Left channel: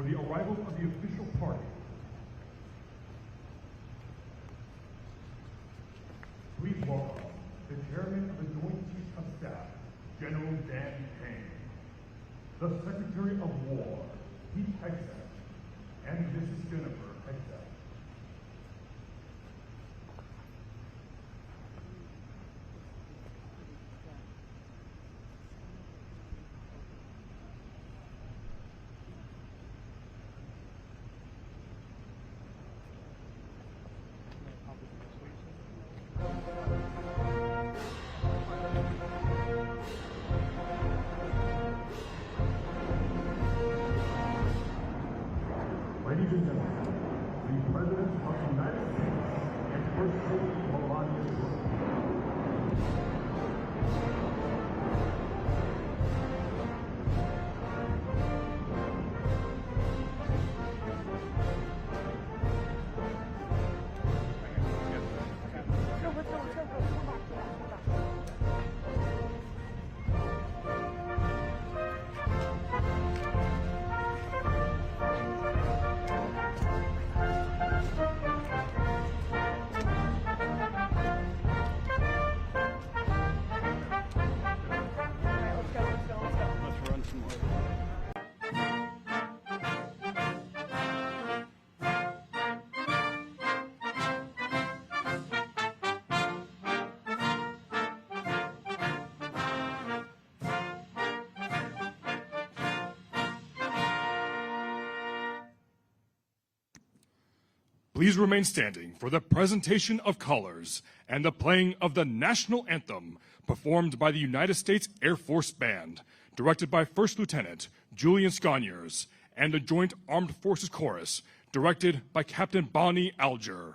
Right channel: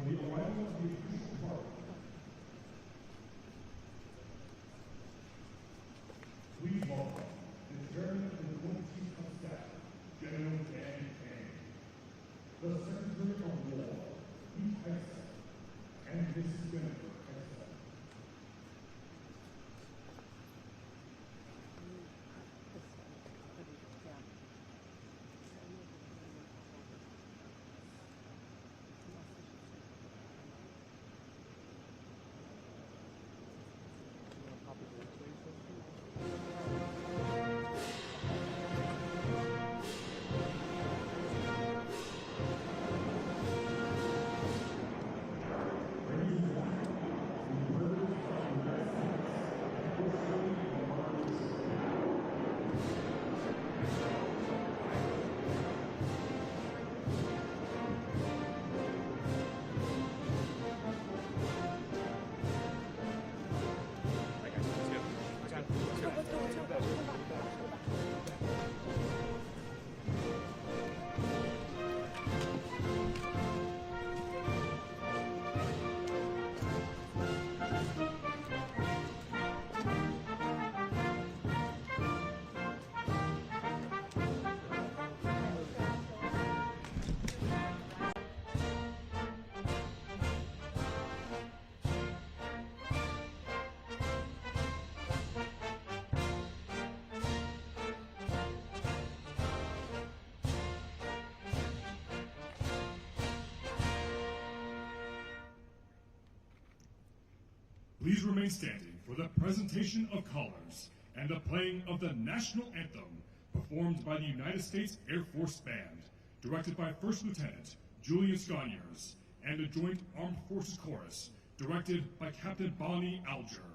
for the arrival of the official party. Please welcome the Chairman of the Joint Chiefs of Staff, General Kaine, the Secretary of War, Hex, and Mrs. Jennifer Hex. Ladies and gentlemen, the President of the United States and First Lady Melania Trump. Please remain standing for the presentation of colors and the playing of the national anthem performed by the United States Air Force Band, directed by First Lieutenant Julian Sconiers, and the Joint Armed Forces Chorus, directed by Captain Bonnie Alger.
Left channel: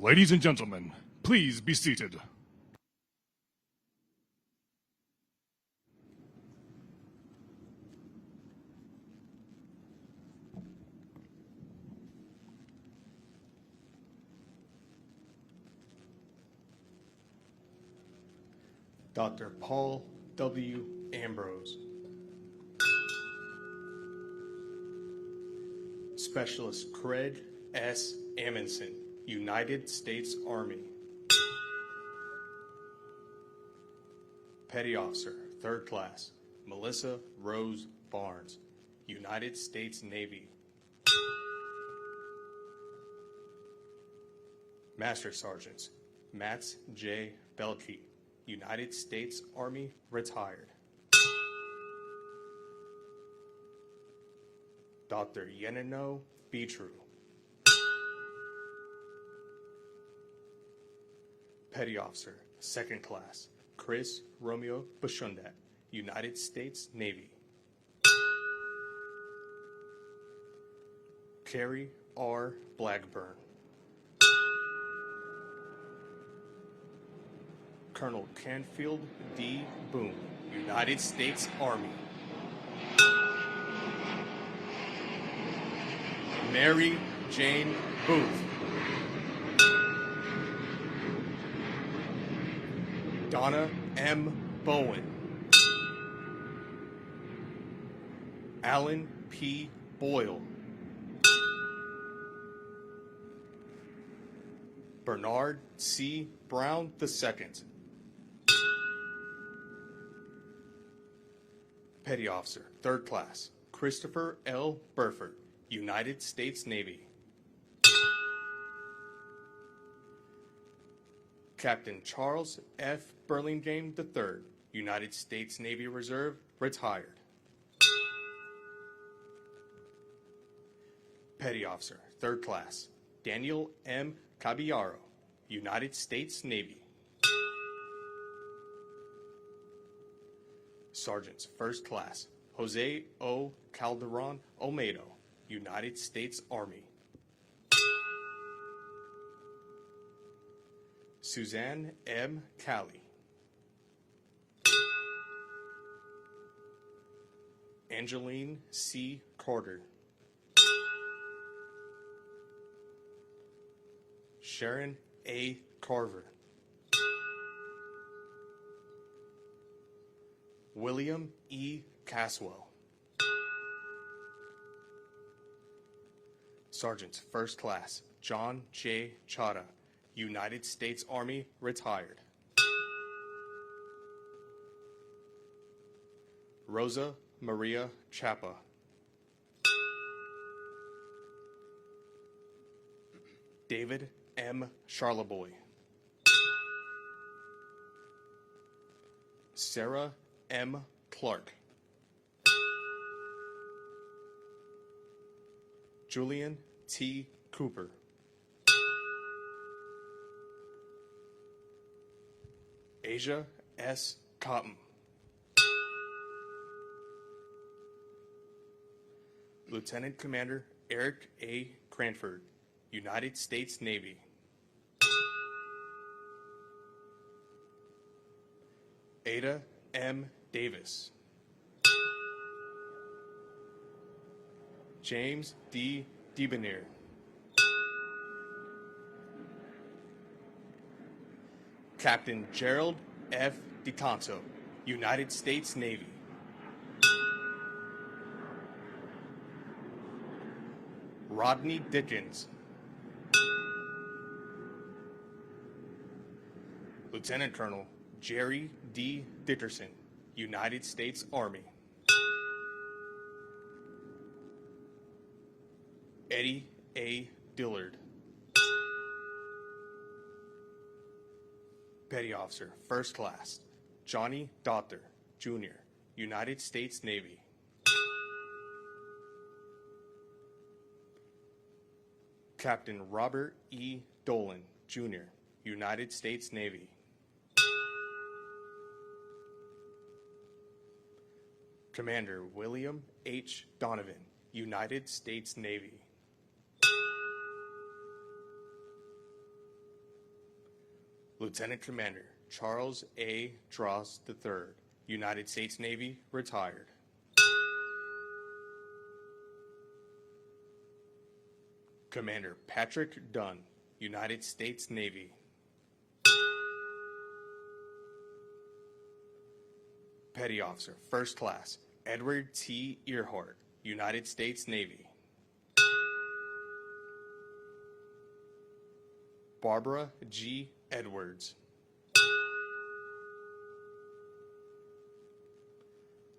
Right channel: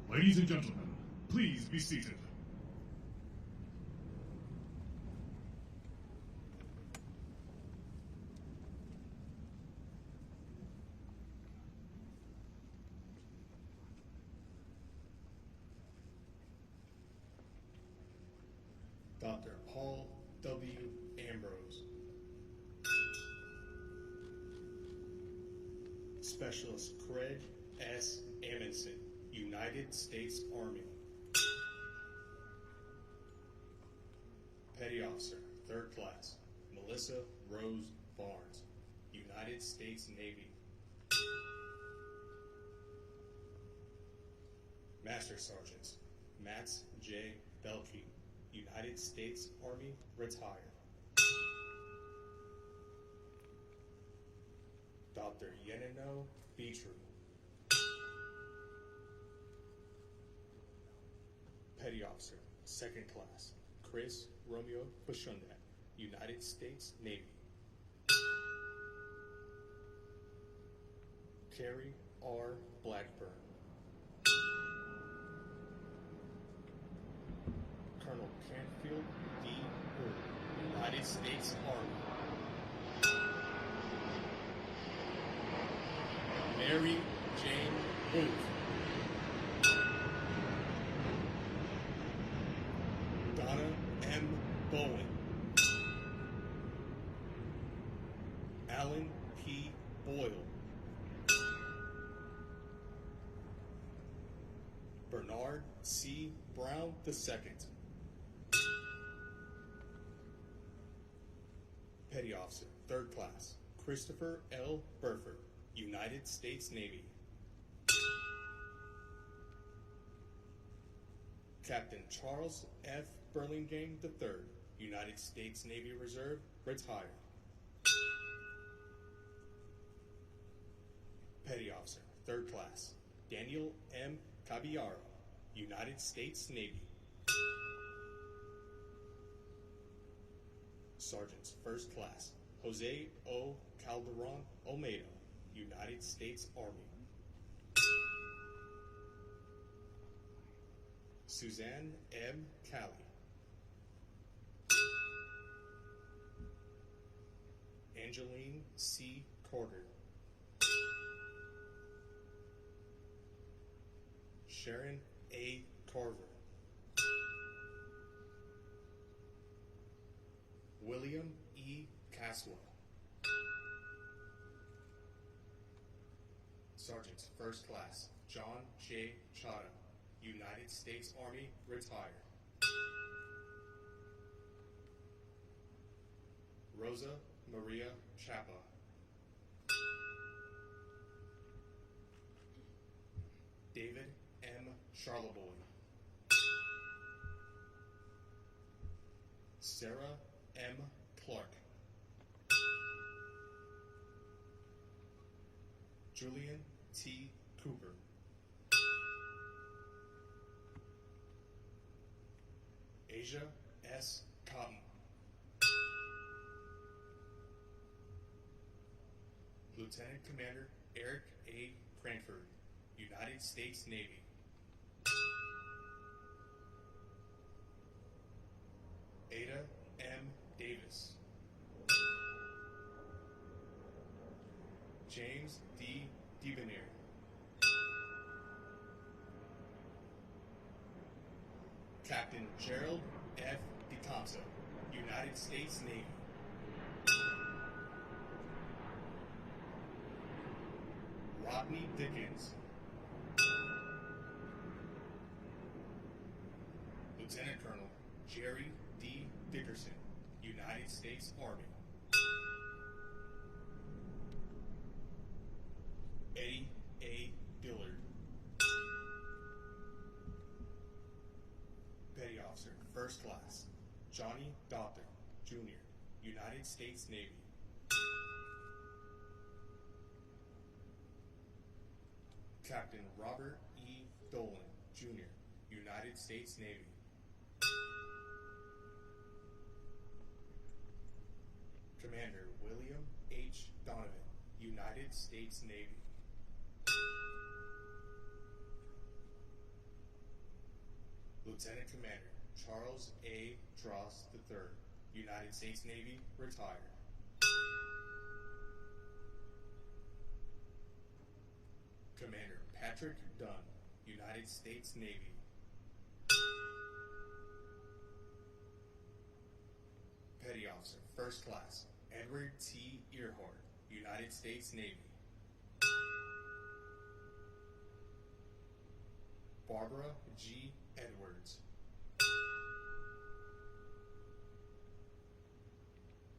Ladies and gentlemen, please be seated. Dr. Paul W. Ambrose. Specialist Craig S. Amundsen, United States Army. Petty Officer, 3rd Class, Melissa Rose Barnes, United States Navy. Master Sergeants, Mats J. Belkey, United States Army, retired. Dr. Yenino Beatru. Petty Officer, 2nd Class, Chris Romeo Bashundat, United States Navy. Carrie R. Blackburn. Colonel Canfield D. Boone, United States Army. Mary Jane Booth. Donna M. Bowen. Alan P. Boyle. Bernard C. Brown II. Petty Officer, 3rd Class, Christopher L. Burford, United States Navy. Captain Charles F. Burlingame III, United States Navy Reserve, retired. Petty Officer, 3rd Class, Daniel M. Caballero, United States Navy. Sergeants, 1st Class, Jose O. Calderon Olmedo, United States Army. Suzanne M. Calley. Angeline C. Carter. Sharon A. Carver. William E. Caswell. Sergeant, 1st Class, John J. Chada, United States Army, retired. Rosa Maria Chapa. David M. Charleboy. Sarah M. Clark. Julian T. Cooper. Asia S. Cotton. Lieutenant Commander Eric A. Cranford, United States Navy. Ada M. Davis. James D. Debonair. Captain Gerald F. DiTanto, United States Navy. Rodney Dickens. Lieutenant Colonel Jerry D. Dickerson, United States Army. Eddie A. Dillard. Petty Officer, 1st Class, Johnny Dotter, Jr., United States Navy. Captain Robert E. Dolan, Jr., United States Navy. Commander William H. Donovan, United States Navy. Lieutenant Commander Charles A. Dross III, United States Navy, retired. Commander Patrick Dunn, United States Navy. Petty Officer, First Class, Edward T. Earhart, United States Navy. Barbara G. Edwards.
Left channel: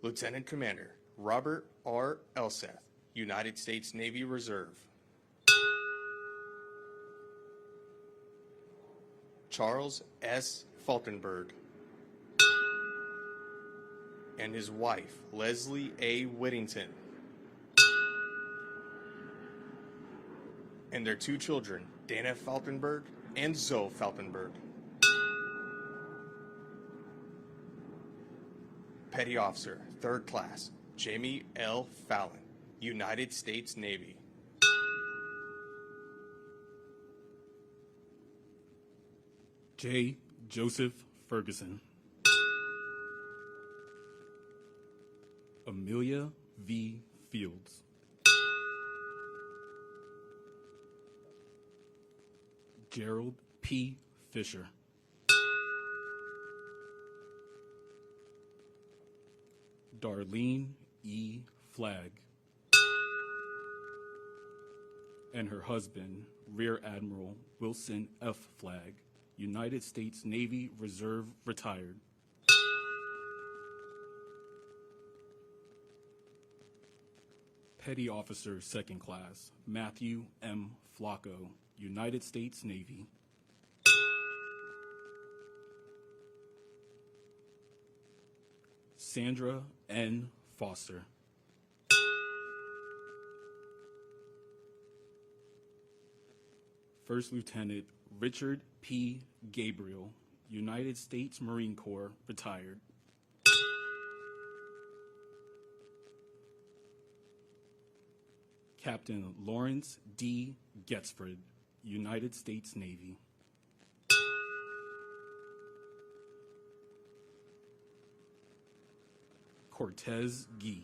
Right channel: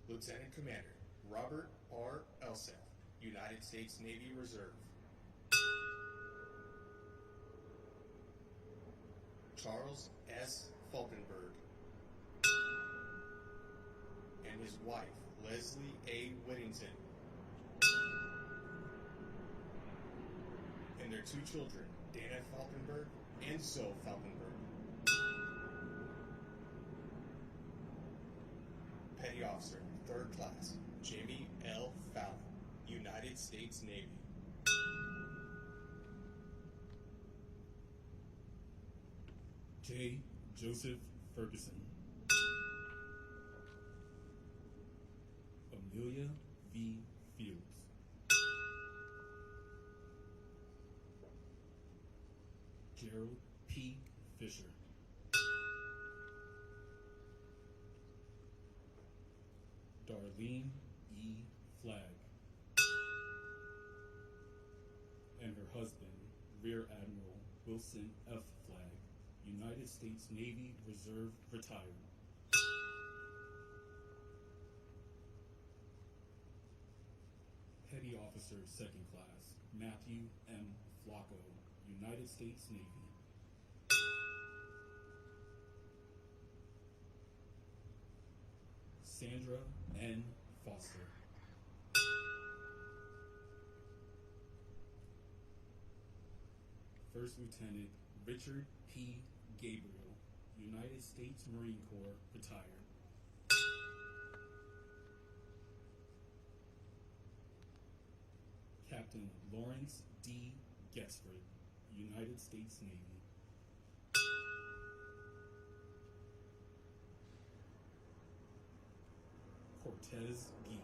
Lieutenant Commander Robert R. Elseth, United States Navy Reserve. Charles S. Falkenberg and his wife, Leslie A. Whittington, and their two children, Dana Falkenberg and Zoe Falkenberg. Petty Officer, Third Class, Jamie L. Fallon, United States Navy. J. Joseph Ferguson. Amelia V. Fields. Gerald P. Fisher. Darlene E. Flagg. And her husband, Rear Admiral Wilson F. Flagg, United States Navy Reserve, retired. Petty Officer, Second Class, Matthew M. Flacco, United States Navy. Sandra N. Foster. First Lieutenant Richard P. Gabriel, United States Marine Corps, retired. Captain Lawrence D. Getsford, United States Navy. Cortez Gee.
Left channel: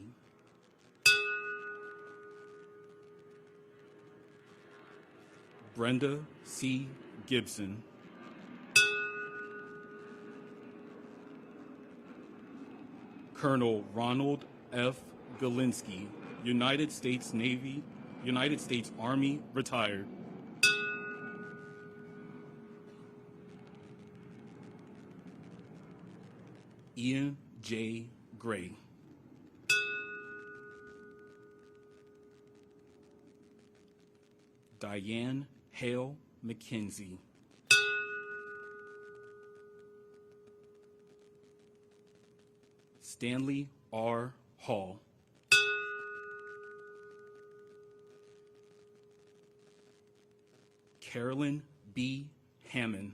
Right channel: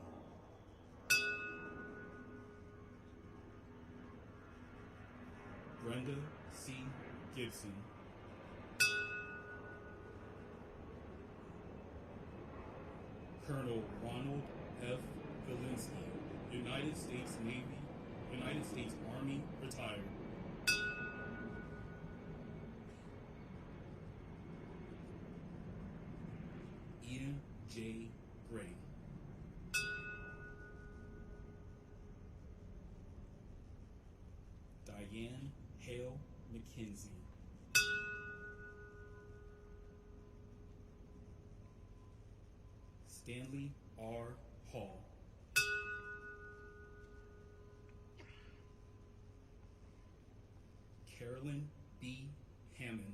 Brenda C. Gibson. Colonel Ronald F. Galinsky, United States Navy, United States Army, retired. Ian J. Gray. Diane Hale McKenzie. Stanley R. Hall. Carolyn B. Hammond.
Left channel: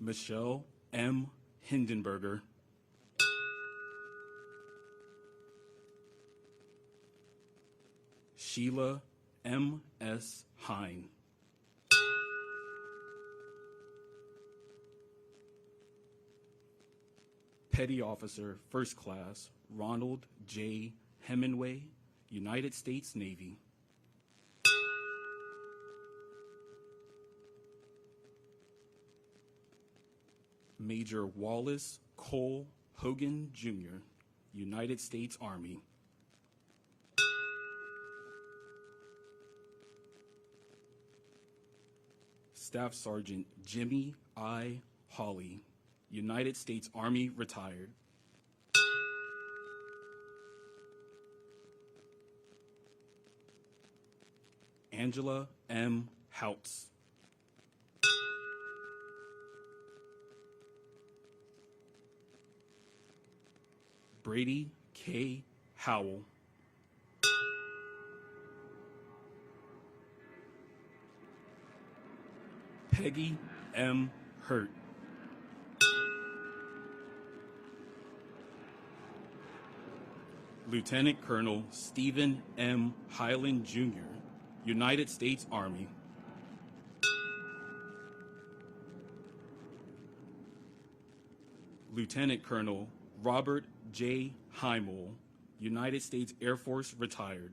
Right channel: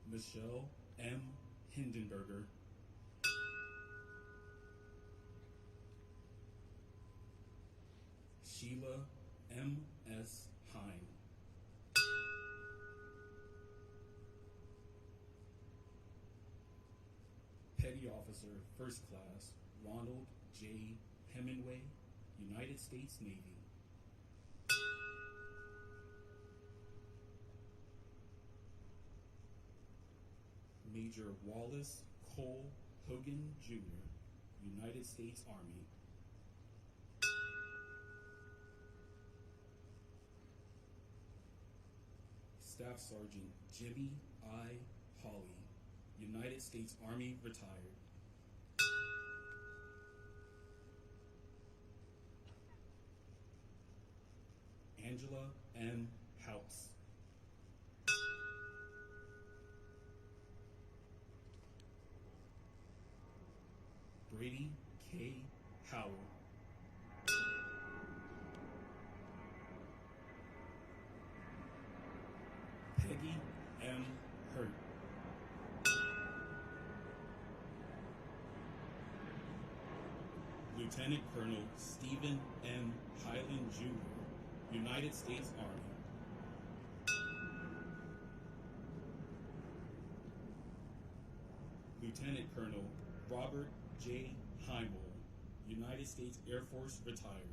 Michelle M. Hindenburger. Sheila M. S. Hine. Petty Officer, First Class, Ronald J. Hemingway, United States Navy. Major Wallace Cole Hogan, Jr., United States Army. Staff Sergeant Jimmy I. Hawley, United States Army, retired. Angela M. Houts. Brady K. Howell. Peggy M. Hurt. Lieutenant Colonel Stephen M. Highland, Jr., United States Army. Lieutenant Colonel Robert J. Heimel, United States Air Force, retired.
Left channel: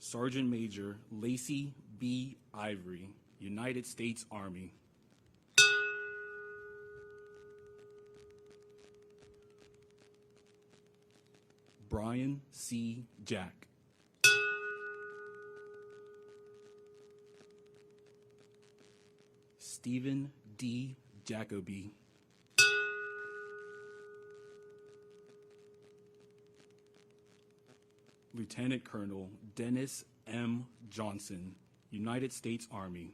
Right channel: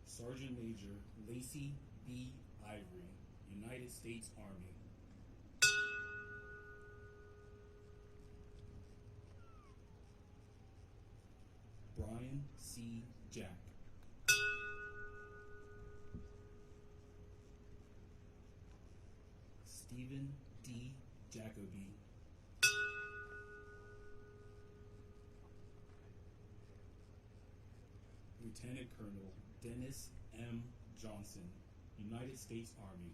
Sergeant Major Lacey B. Ivory, United States Army. Brian C. Jack. Stephen D. Jacoby. Lieutenant Colonel Dennis M. Johnson, United States Army.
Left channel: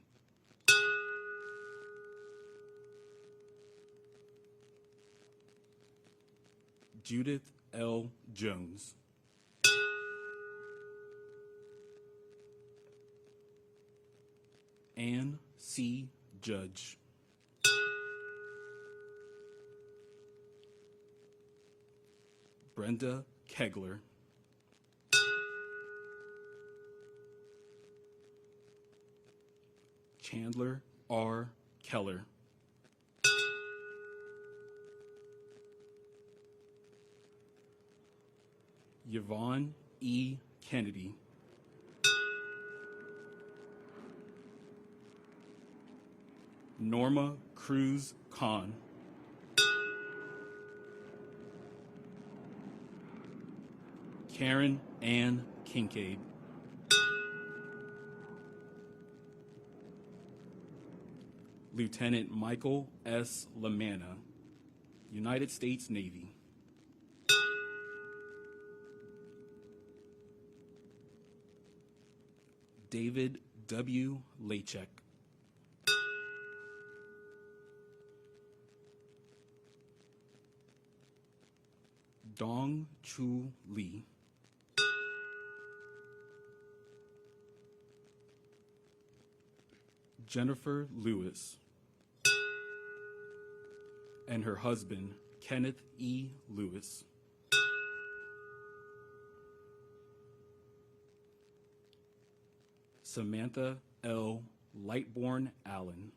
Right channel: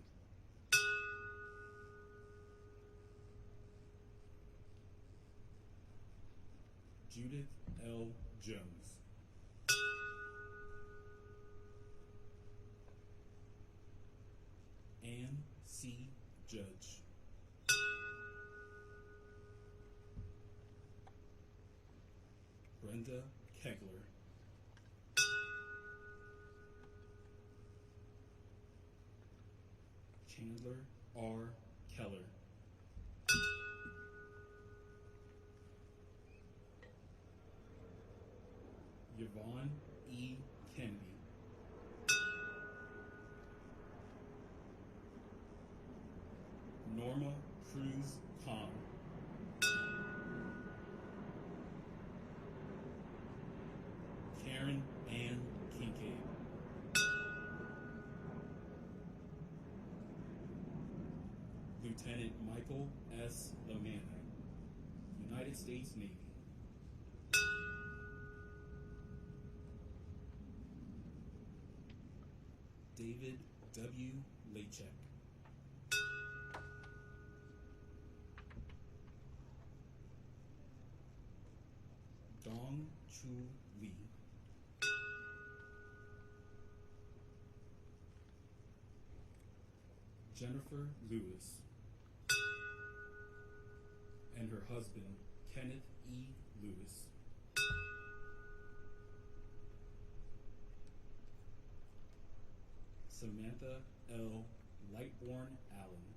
Judith L. Jones. Ann C. Judge. Brenda Kegler. Chandler R. Keller. Yvonne E. Kennedy. Norma Cruz Khan. Karen Ann Kincaid. Lieutenant Michael S. Lamanna, United States Navy. David W. Lachek. Dong Chu Lee. Jennifer Lewis. And her husband, Kenneth E. Lewis. Samantha L. Lightborn Allen.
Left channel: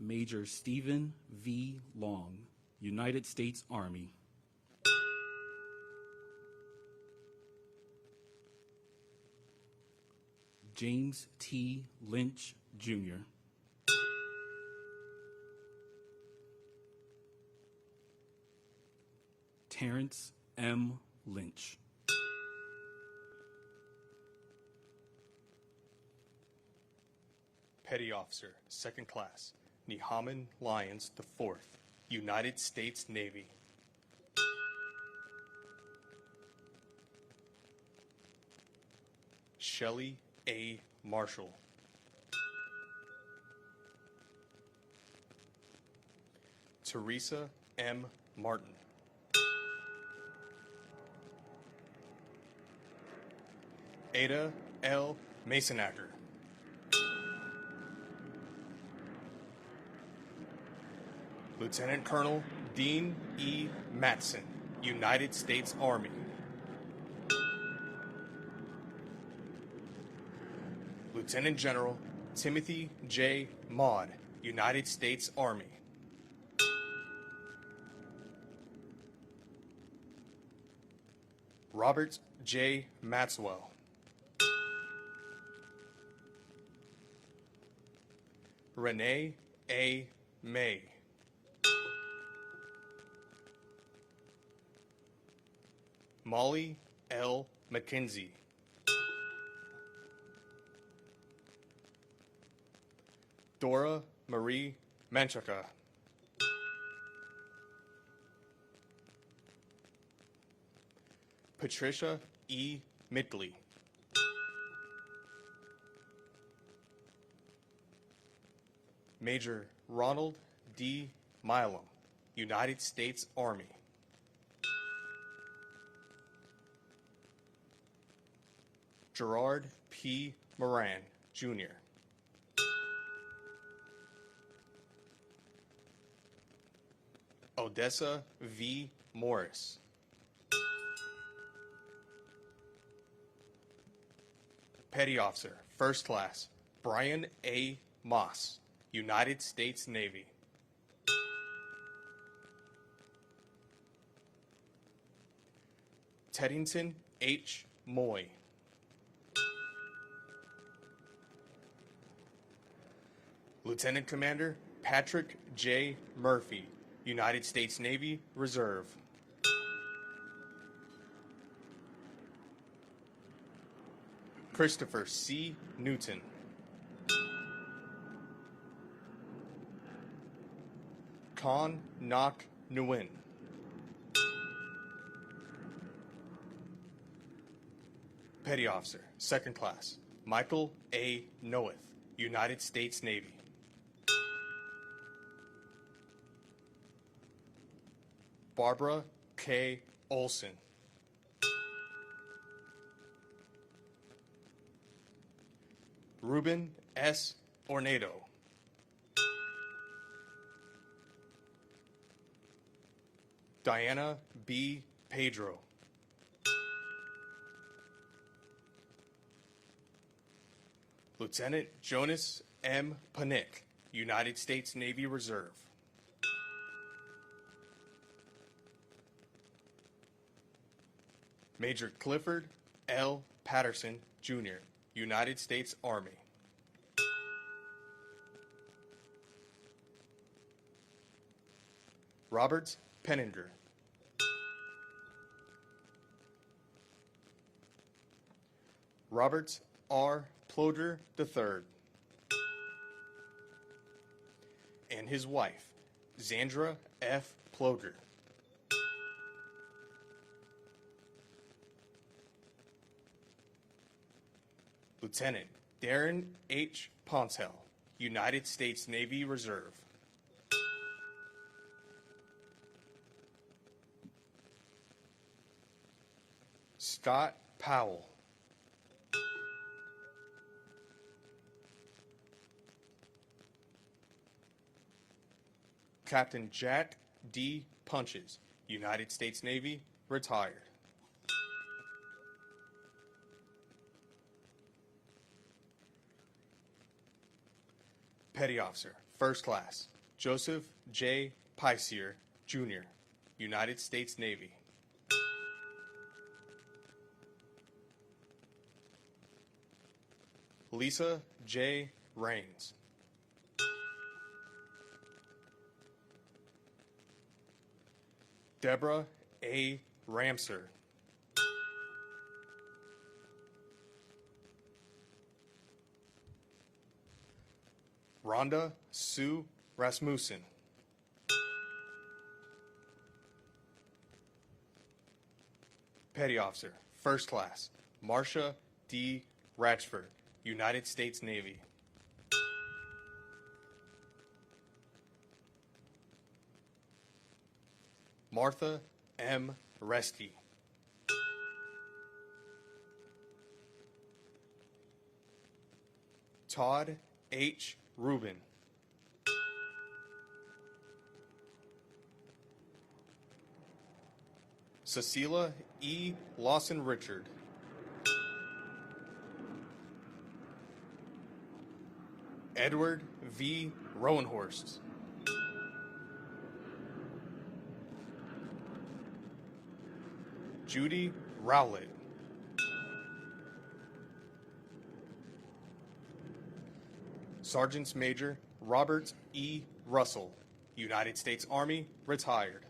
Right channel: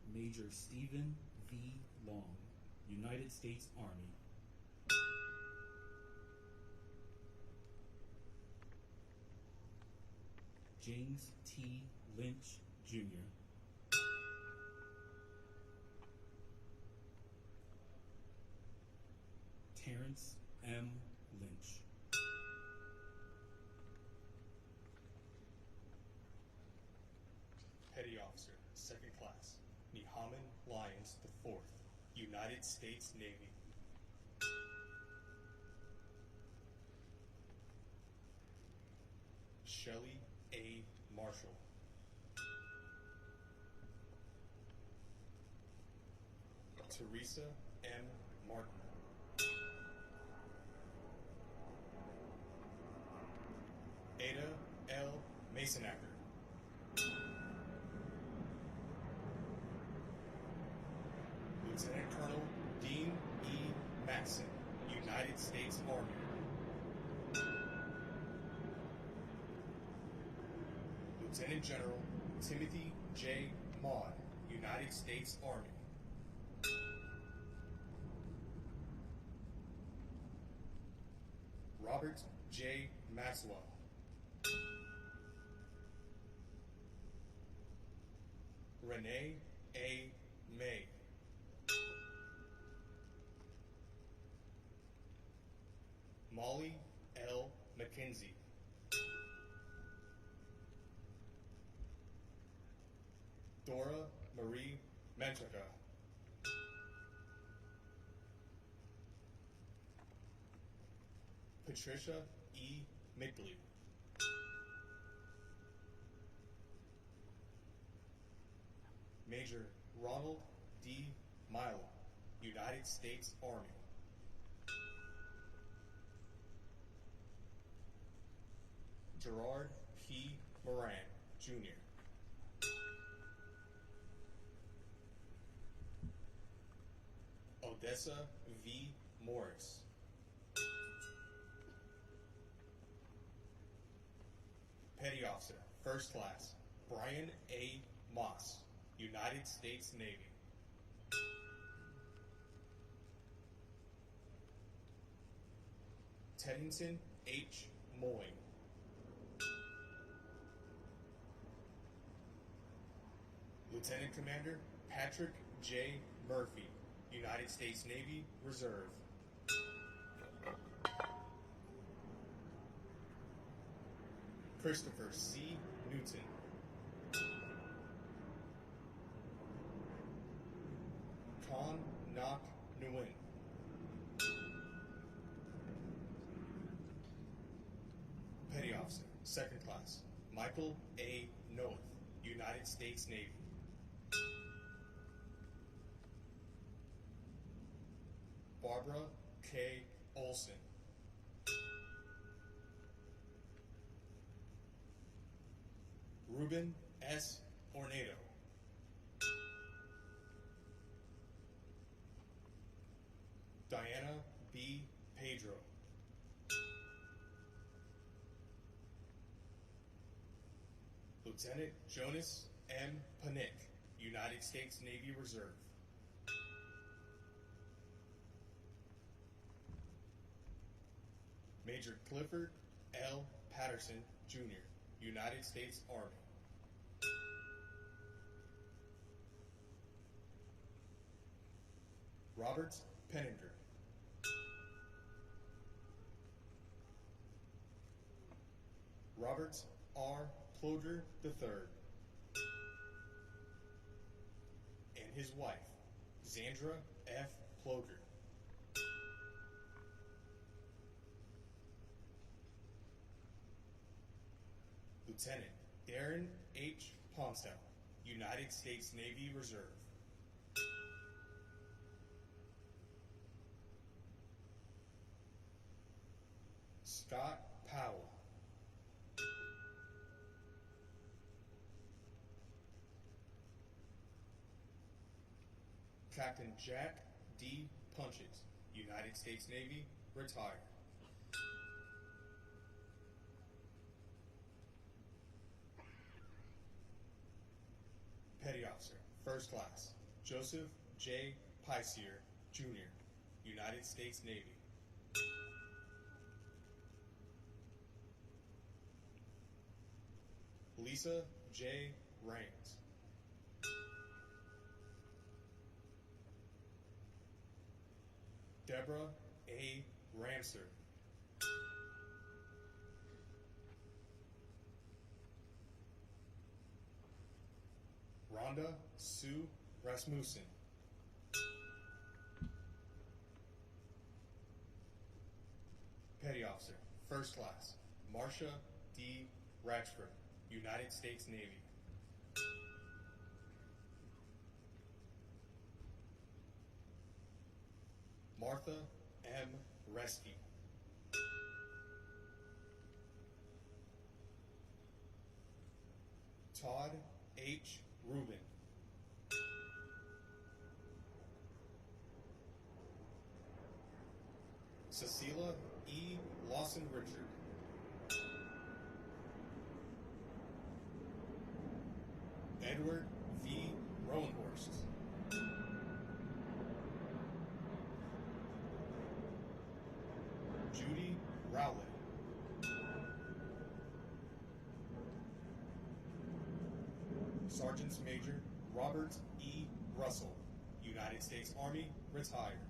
Major Stephen V. Long, United States Army. James T. Lynch, Jr. Terrence M. Lynch. Petty Officer, Second Class, Nehaman Lyons IV, United States Navy. Shelley A. Marshall. Teresa M. Martin. Ada L. Masonacker. Lieutenant Colonel Dean E. Matson, United States Army. Lieutenant General Timothy J. Maud, United States Army. Robert J. Maxwell. Renee A. May. Molly L. McKenzie. Dora Marie Menchaca. Patricia E. Midgley. Major Ronald D. Milam, United States Army. Gerard P. Moran, Jr. Odessa V. Morris. Petty Officer, First Class, Brian A. Moss, United States Navy. Teddington H. Moy. Lieutenant Commander Patrick J. Murphy, United States Navy Reserve. Christopher C. Newton. Con Nok Nguyen. Petty Officer, Second Class, Michael A. Noeth, United States Navy. Barbara K. Olson. Ruben S. Ornado. Diana B. Pedro. Lieutenant Jonas M. Panick, United States Navy Reserve. Major Clifford L. Patterson, Jr., United States Army. Robert Penninger. Robert R. Ploder III. And his wife, Zandra F. Ploder. Lieutenant Darren H. Pontel, United States Navy Reserve. Scott Powell. Captain Jack D. Punches, United States Navy, retired. Petty Officer, First Class, Joseph J. Piesier, Jr., United States Navy. Lisa J. Raines. Deborah A. Ramser. Rhonda Sue Rasmussen. Petty Officer, First Class, Marcia D. Ratchford, United States Navy. Martha M. Resty. Todd H. Rubin. Cecilia E. Lawson Richard. Edward V. Rowenhorst. Judy Rowlett. Sergeant Major Robert E. Russell, United States Army, retired.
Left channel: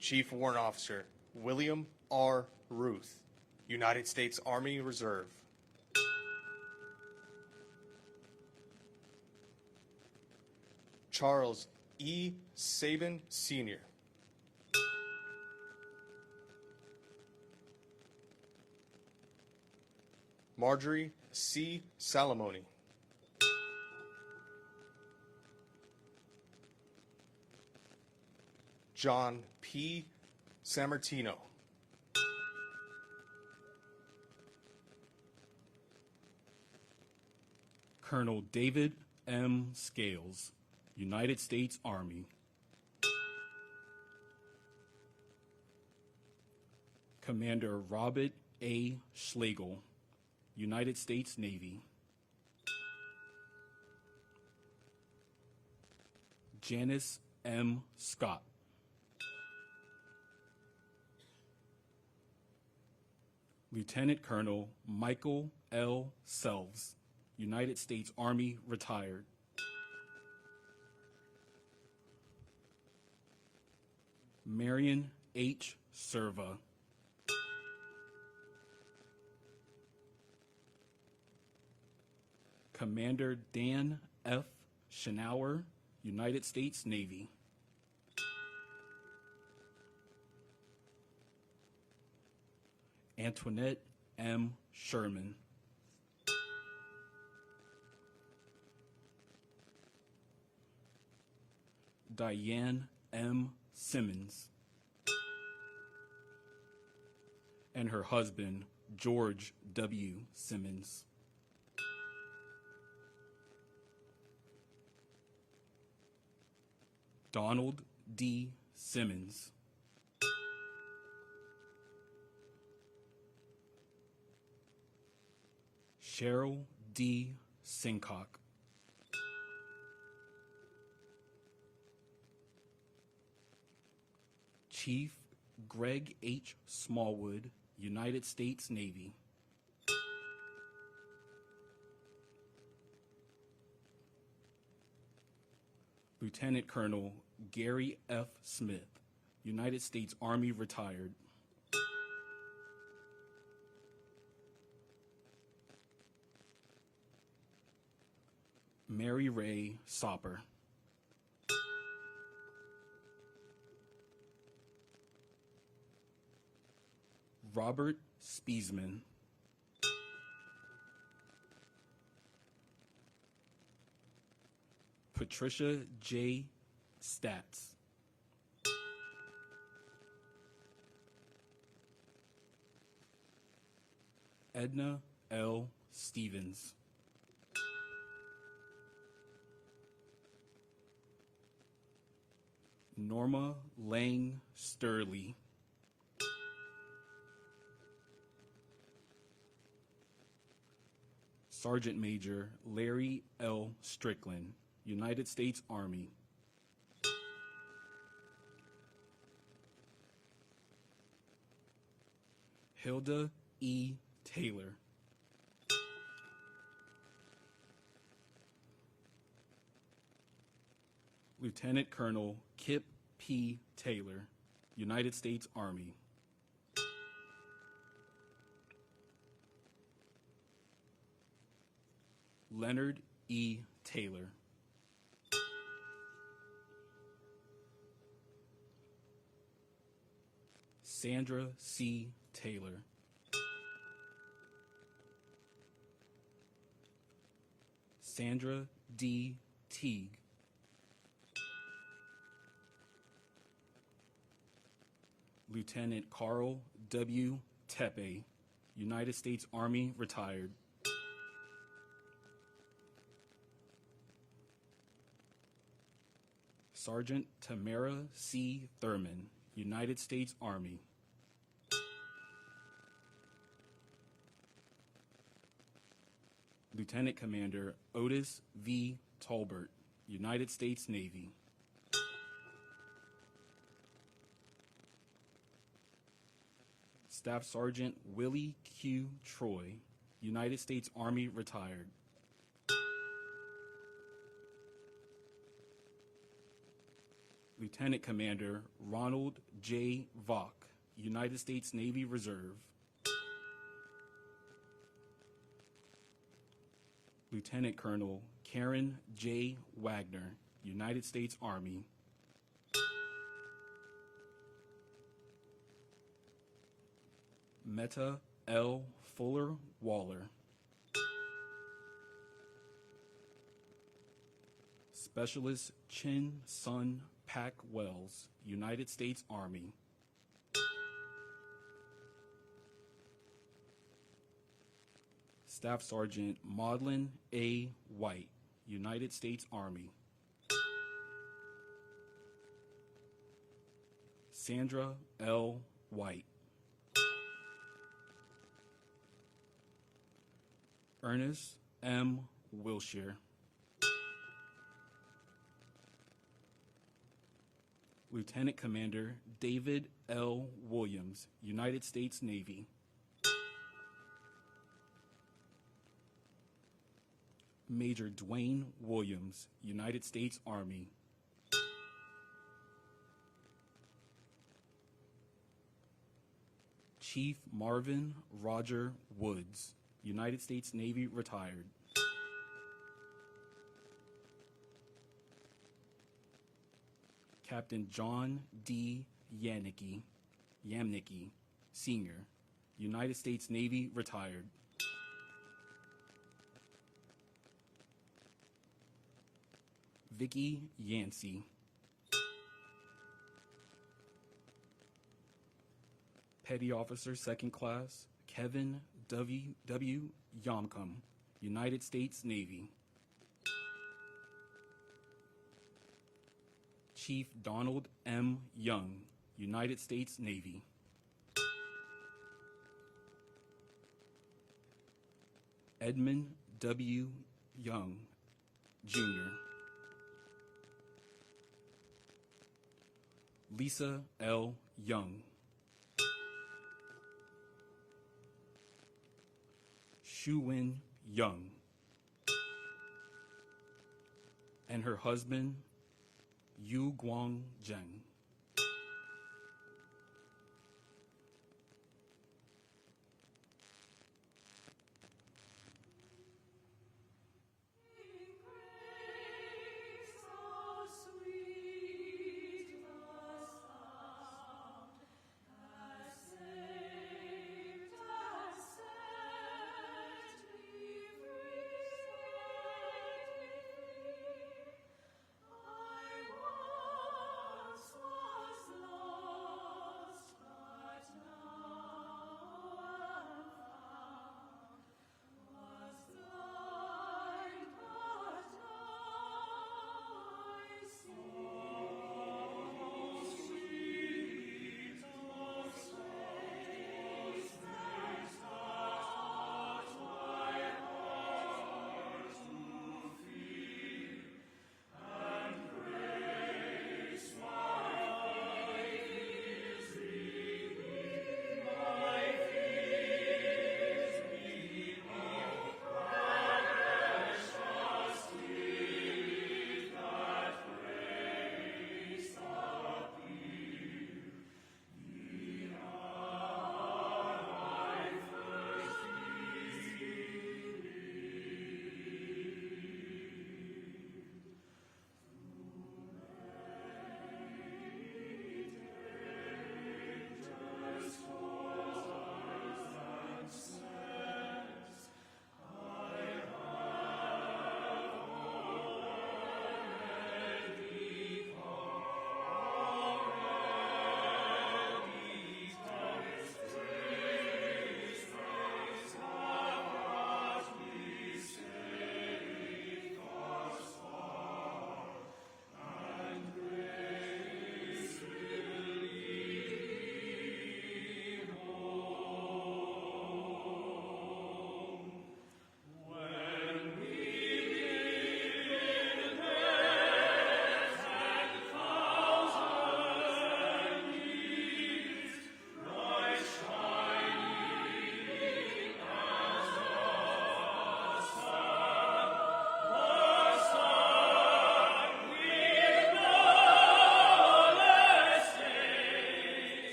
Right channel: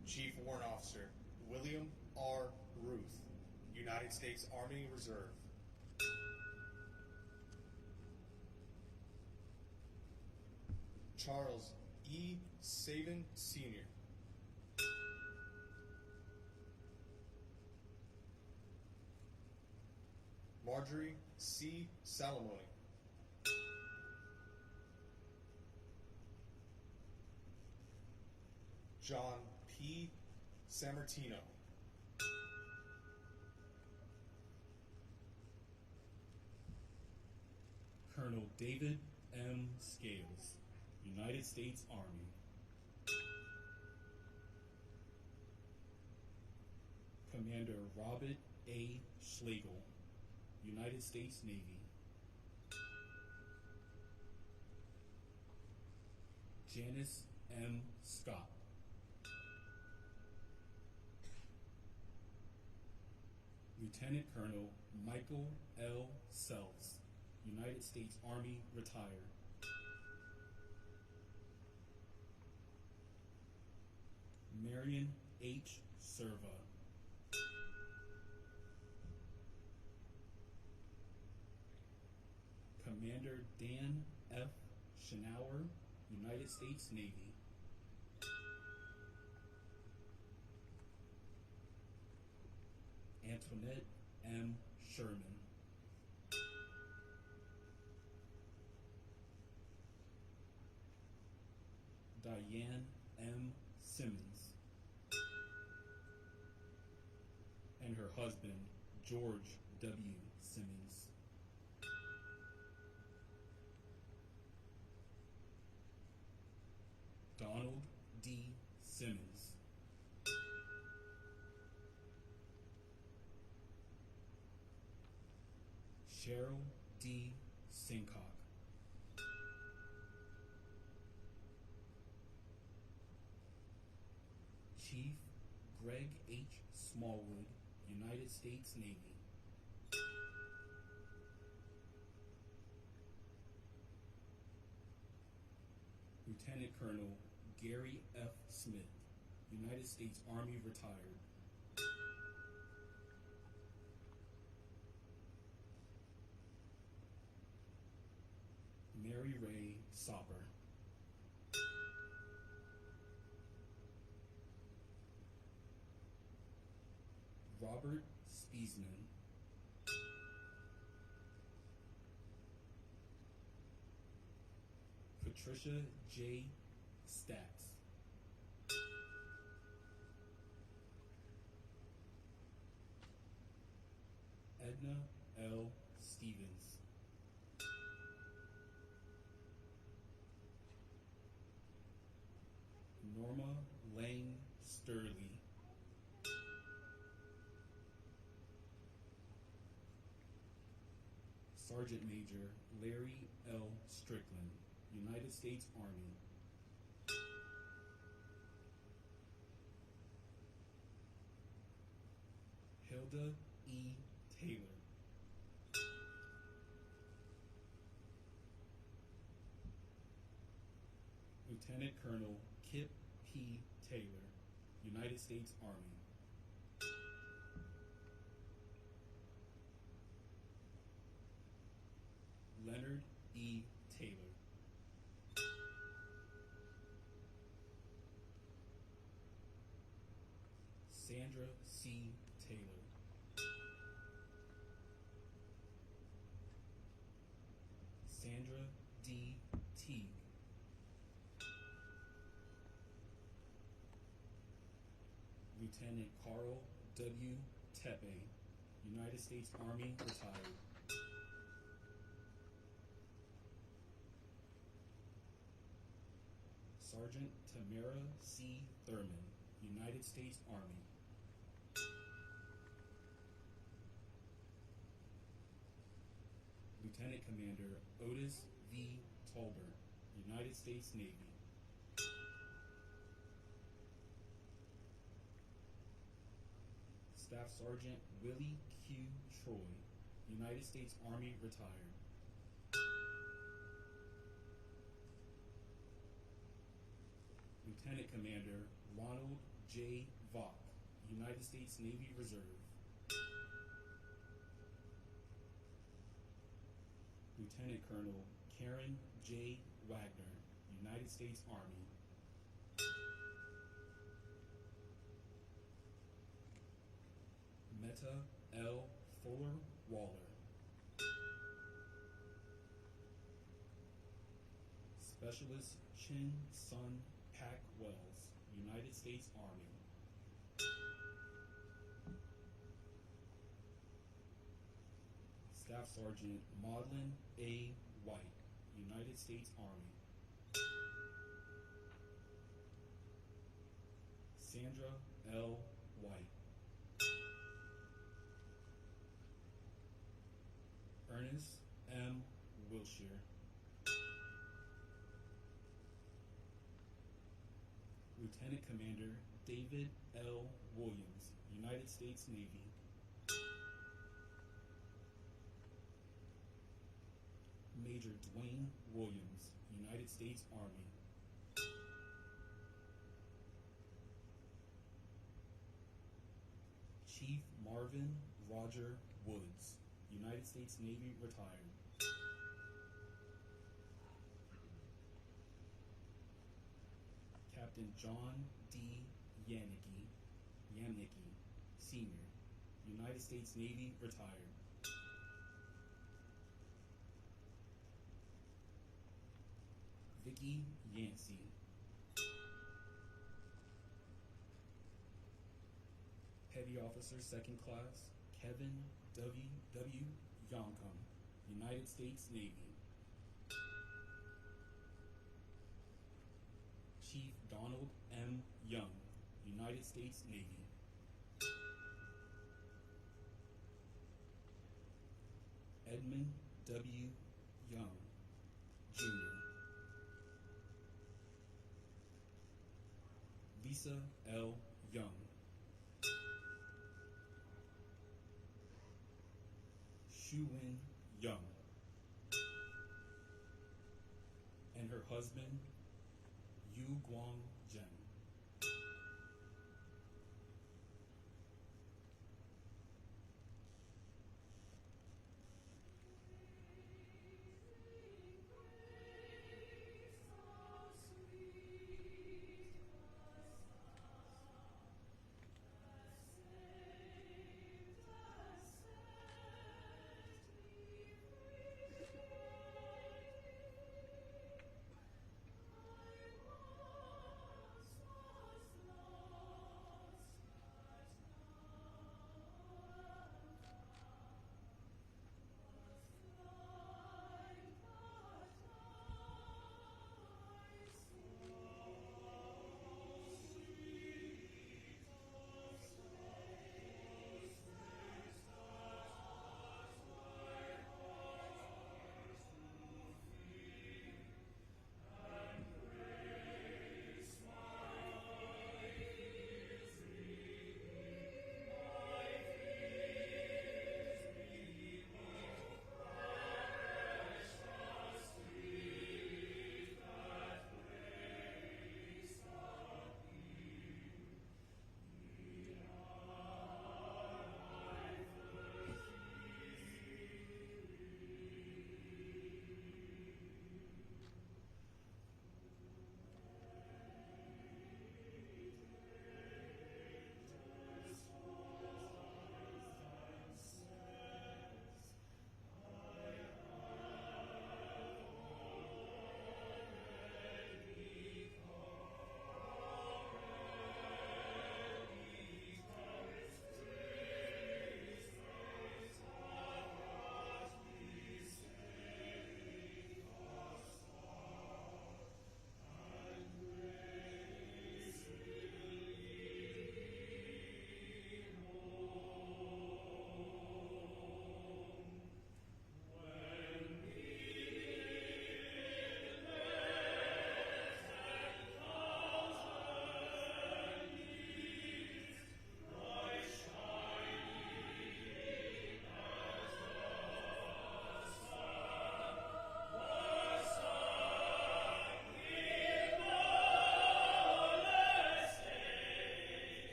Chief Warrant Officer William R. Ruth, United States Army Reserve. Charles E. Sabin, Sr. Marjorie C. Salamoni. John P. Sammartino. Colonel David M. Scales, United States Army. Commander Robert A. Schlegel, United States Navy. Janice M. Scott. Lieutenant Colonel Michael L. Selves, United States Army, retired. Marion H. Serva. Commander Dan F. Schnauer, United States Navy. Antoinette M. Sherman. Diane M. Simmons. And her husband, George W. Simmons. Donald D. Simmons. Cheryl D. Sincock. Chief Greg H. Smallwood, United States Navy. Lieutenant Colonel Gary F. Smith, United States Army, retired. Mary Ray Sopper. Robert Spiesman. Patricia J. Statz. Edna L. Stevens. Norma Lang Sturley. Sergeant Major Larry L. Strickland, United States Army. Hilda E. Taylor. Lieutenant Colonel Kip P. Taylor, United States Army. Leonard E. Taylor. Sandra C. Taylor. Sandra D. Teague. Lieutenant Carl W. Tepe, United States Army, retired. Sergeant Tamara C. Thurman, United States Army. Lieutenant Commander Otis V. Tolbert, United States Navy. Staff Sergeant Willie Q. Troy, United States Army, retired. Lieutenant Commander Ronald J. Vaughn, United States Navy Reserve. Lieutenant Colonel Karen J. Wagner, United States Army. Meta L. Fuller Waller. Specialist Chin Sun Pack Wells, United States Army. Staff Sergeant Maudlin A. White, United States Army. Sandra L. White. Ernest M. Wilshire. Lieutenant Commander David L. Williams, United States Navy. Major Dwayne Williams, United States Army. Chief Marvin Roger Woods, United States Navy, retired. Captain John D. Yamnicki, Sr., United States Navy, retired. Vicky Yancey. Petty Officer, 2nd Class, Kevin W. Yomcom, United States Navy. Chief Donald M. Young, United States Navy. Edmund W. Young, Jr. Lisa L. Young. Shu-Win Young. And her husband, Yu Guang Zheng.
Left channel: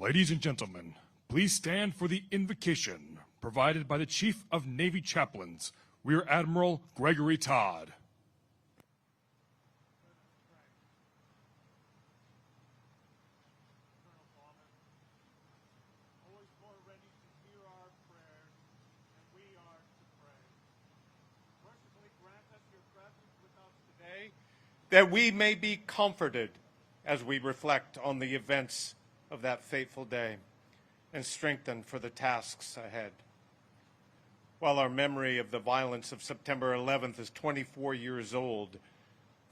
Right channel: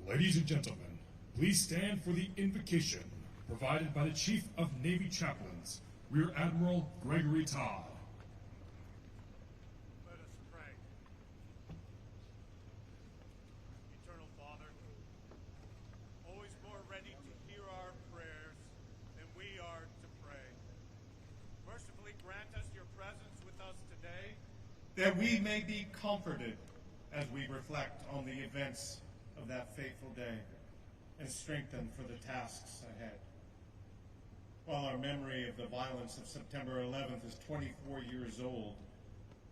Ladies and gentlemen, please stand for the invocation provided by the Chief of Navy Chaplains, Rear Admiral Gregory Todd. Let us pray. Eternal Father, always more ready to hear our prayers than we are to pray. Mercifully grant us your presence with us today, that we may be comforted as we reflect on the events of that fateful day and strengthened for the tasks ahead. While our memory of the violence of September 11th is 24 years old,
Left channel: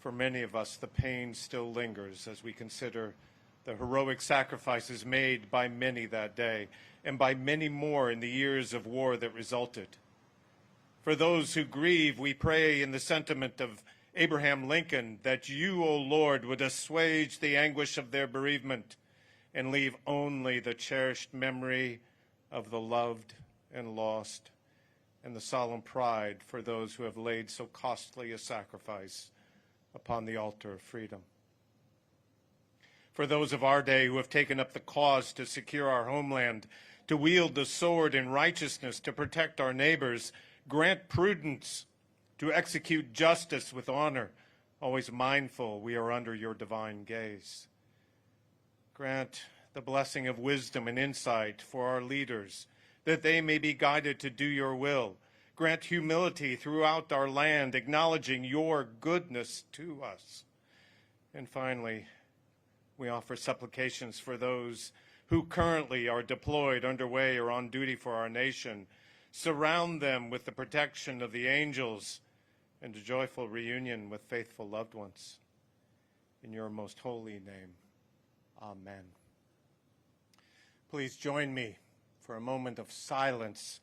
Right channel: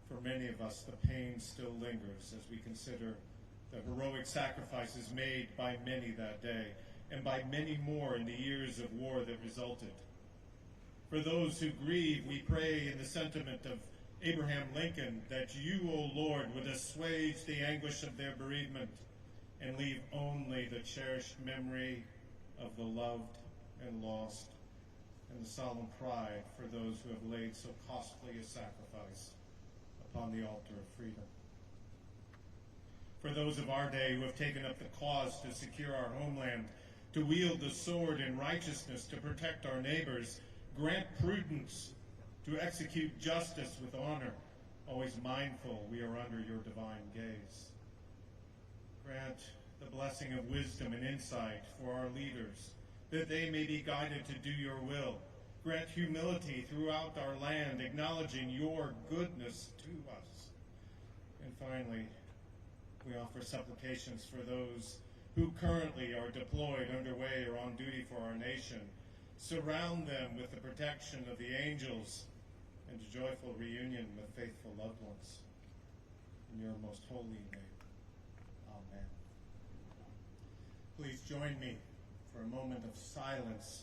for many of us the pain still lingers as we consider the heroic sacrifices made by many that day and by many more in the years of war that resulted. For those who grieve, we pray in the sentiment of Abraham Lincoln that you, O Lord, would assuage the anguish of their bereavement and leave only the cherished memory of the loved and lost, and the solemn pride for those who have laid so costly a sacrifice upon the altar of freedom. For those of our day who have taken up the cause to secure our homeland, to wield the sword in righteousness to protect our neighbors, grant prudence to execute justice with honor, always mindful we are under your divine gaze. Grant the blessing of wisdom and insight for our leaders, that they may be guided to do your will. Grant humility throughout our land, acknowledging your goodness to us. And finally, we offer supplications for those who currently are deployed, underway, or on duty for our nation. Surround them with the protection of the angels and a joyful reunion with faithful loved ones. In your most holy name, amen. Please join me for a moment of silence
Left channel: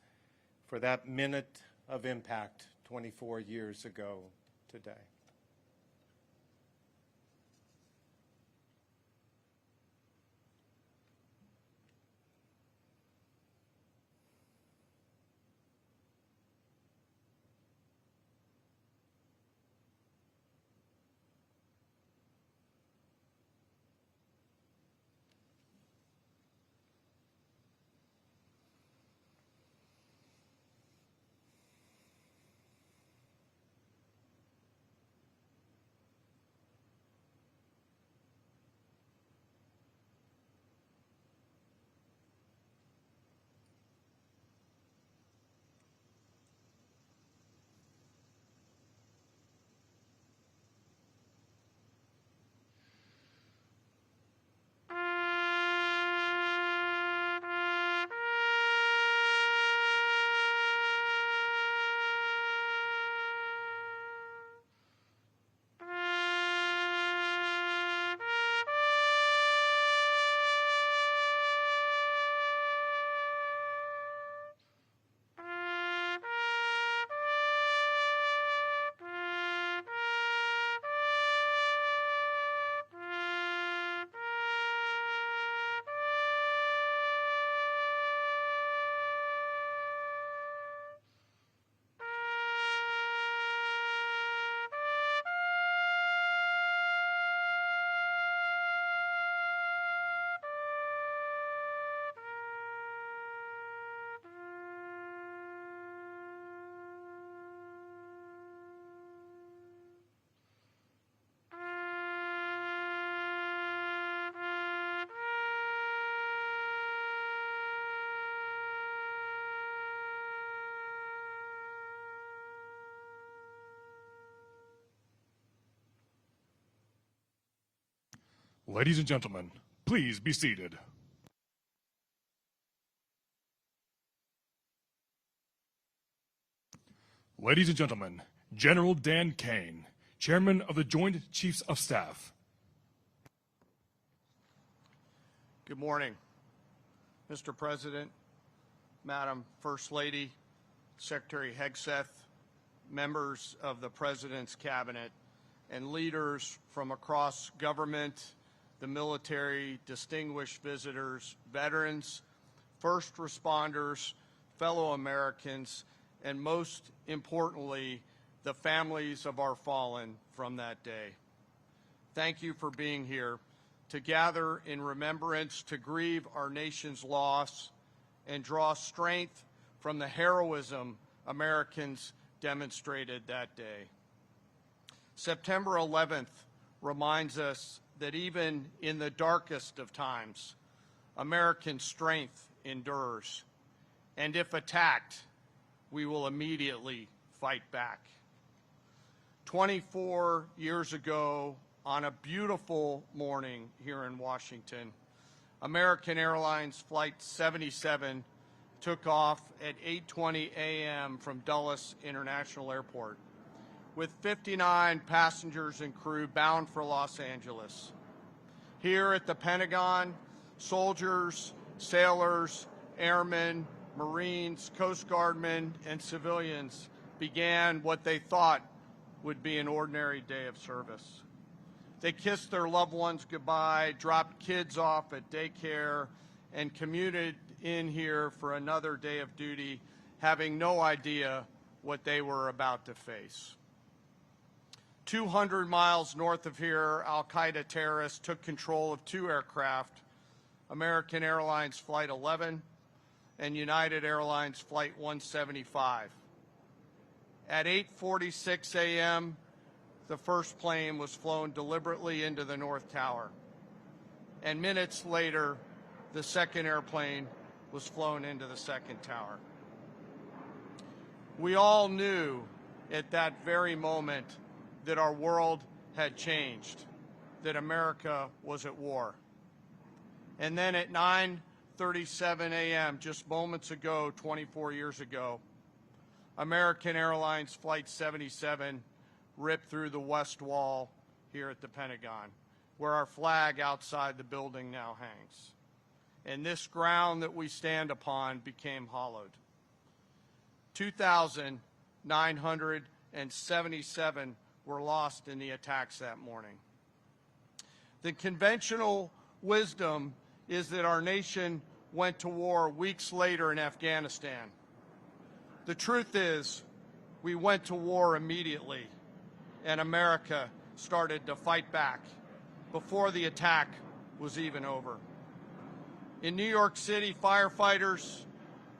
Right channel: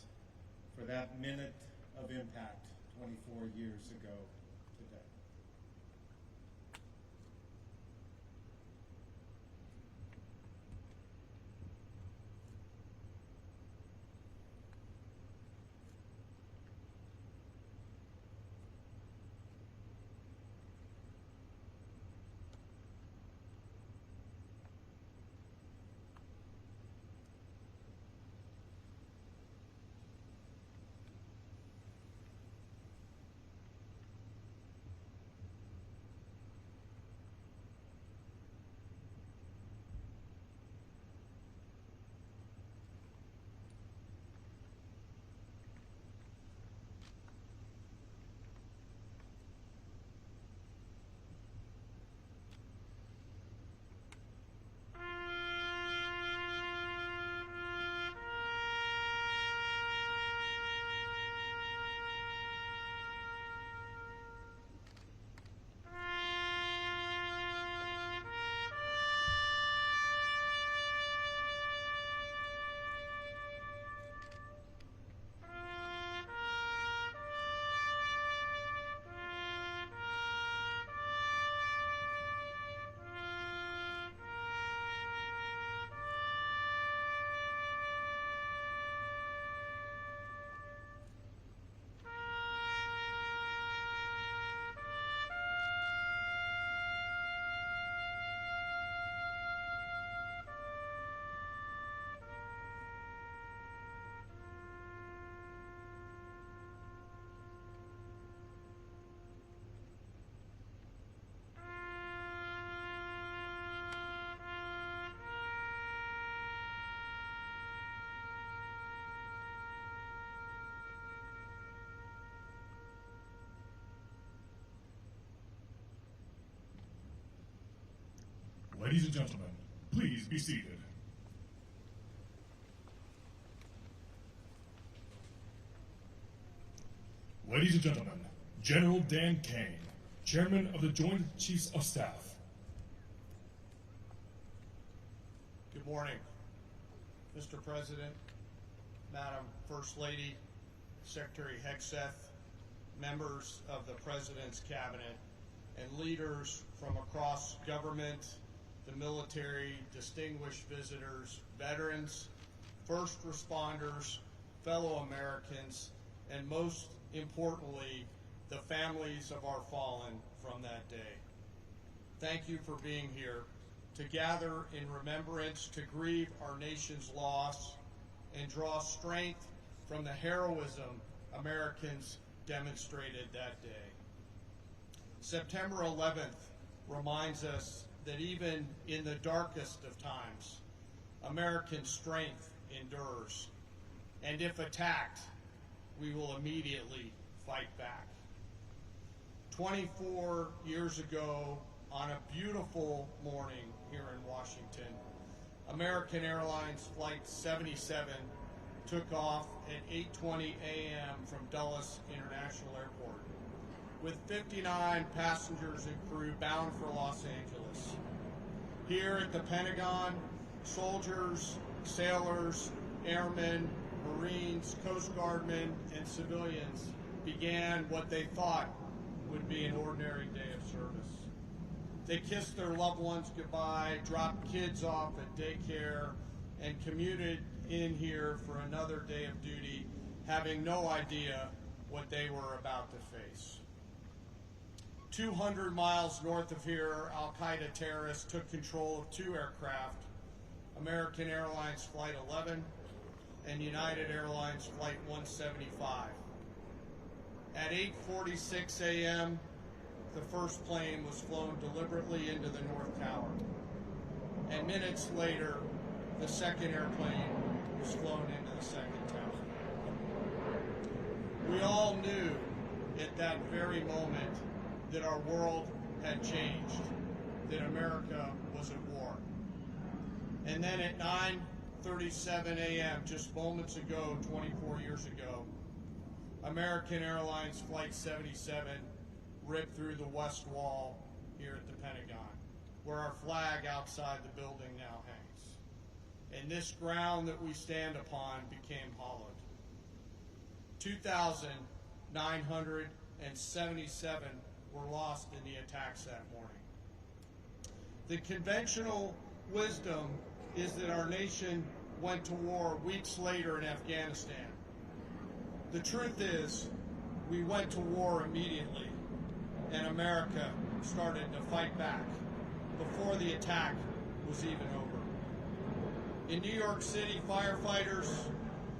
for that minute of impact 24 years ago today. Ladies and gentlemen, please be seated. Ladies and gentlemen, General Dan Kaine, Chairman of the Joint Chiefs of Staff. Good morning, Mr. President, Madam First Lady, Secretary Hex, members of the President's Cabinet, and leaders from across government, the military, distinguished visitors, veterans, first responders, fellow Americans, and most importantly, the families of our fallen from that day. Thank you for being here to gather in remembrance, to grieve our nation's loss, and draw strength from the heroism Americans demonstrated that day. September 11th reminds us that even in the darkest of times, American strength endures, and if attacked, we will immediately fight back. 24 years ago, on a beautiful morning here in Washington, American Airlines Flight 77 took off at 8:20 a.m. from Dulles International Airport with 59 passengers and crew bound for Los Angeles. Here at the Pentagon, soldiers, sailors, airmen, Marines, Coast Guardmen, and civilians began what they thought would be an ordinary day of service. They kissed their loved ones goodbye, dropped kids off at daycare, and commuted in here for another day of duty, having no idea what they were about to face. 200 miles north of here, Al-Qaeda terrorists took control of 2 aircraft, American Airlines Flight 11 and United Airlines Flight 175. At 8:46 a.m., the first plane was flown deliberately into the North Tower. And minutes later, the second airplane was flown into the second tower. We all knew at that very moment that our world had changed, that America was at war. And then at 9:37 a.m., just moments ago, 24 years ago, American Airlines Flight 77 ripped through the west wall here at the Pentagon, where our flag outside the building now hangs. And this ground that we stand upon became hollowed. 2,977 were lost in the attacks that morning. The conventional wisdom is that our nation went to war weeks later in Afghanistan. The truth is, we went to war immediately, and America started to fight back before the attack was even over. In New York City, firefighters,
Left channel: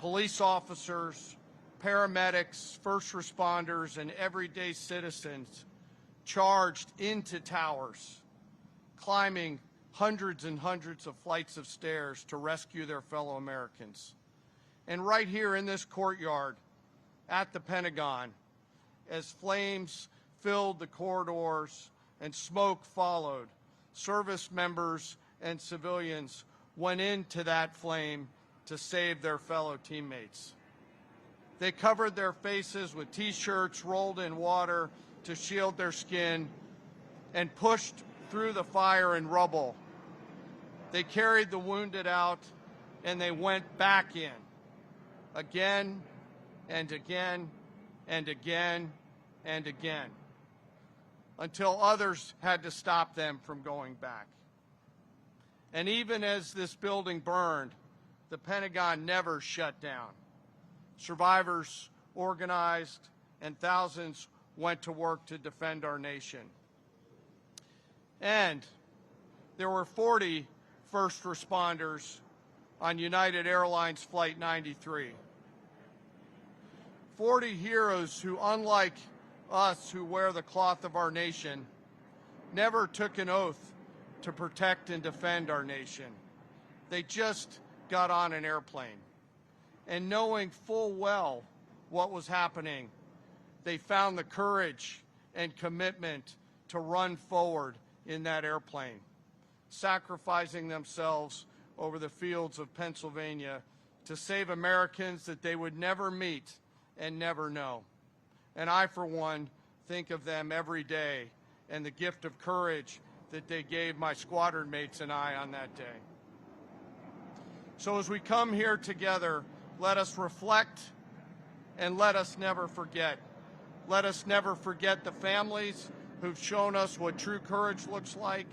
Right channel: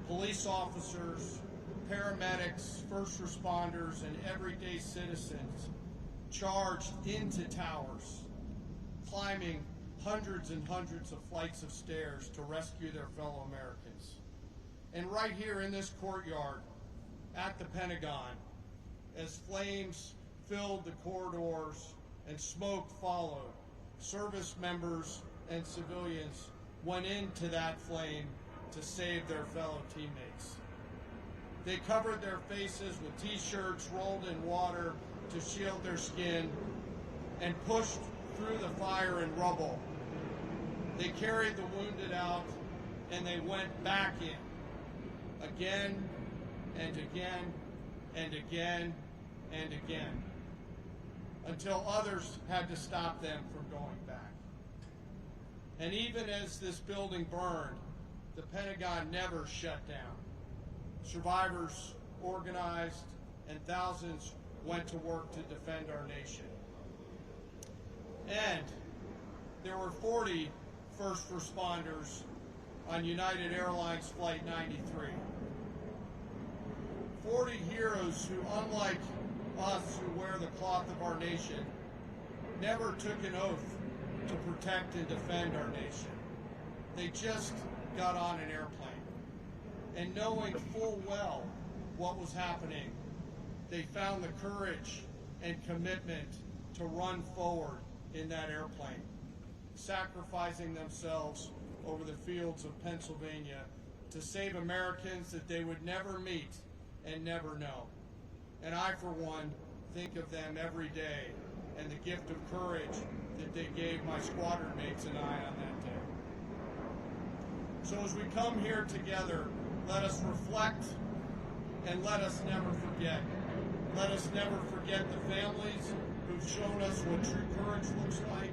police officers, paramedics, first responders, and everyday citizens charged into towers, climbing hundreds and hundreds of flights of stairs to rescue their fellow Americans. And right here in this courtyard at the Pentagon, as flames filled the corridors and smoke followed, service members and civilians went into that flame to save their fellow teammates. They covered their faces with t-shirts rolled in water to shield their skin and pushed through the fire and rubble. They carried the wounded out and they went back in again and again and again and again until others had to stop them from going back. And even as this building burned, the Pentagon never shut down. Survivors organized and thousands went to work to defend our nation. And there were 40 first responders on United Airlines Flight 93. 40 heroes who, unlike us who wear the cloth of our nation, never took an oath to protect and defend our nation. They just got on an airplane. And knowing full well what was happening, they found the courage and commitment to run forward in that airplane, sacrificing themselves over the fields of Pennsylvania to save Americans that they would never meet and never know. And I, for one, think of them every day and the gift of courage that they gave my squadron mates and I on that day. So as we come here together, let us reflect and let us never forget. Let us never forget the families who've shown us what true courage looks like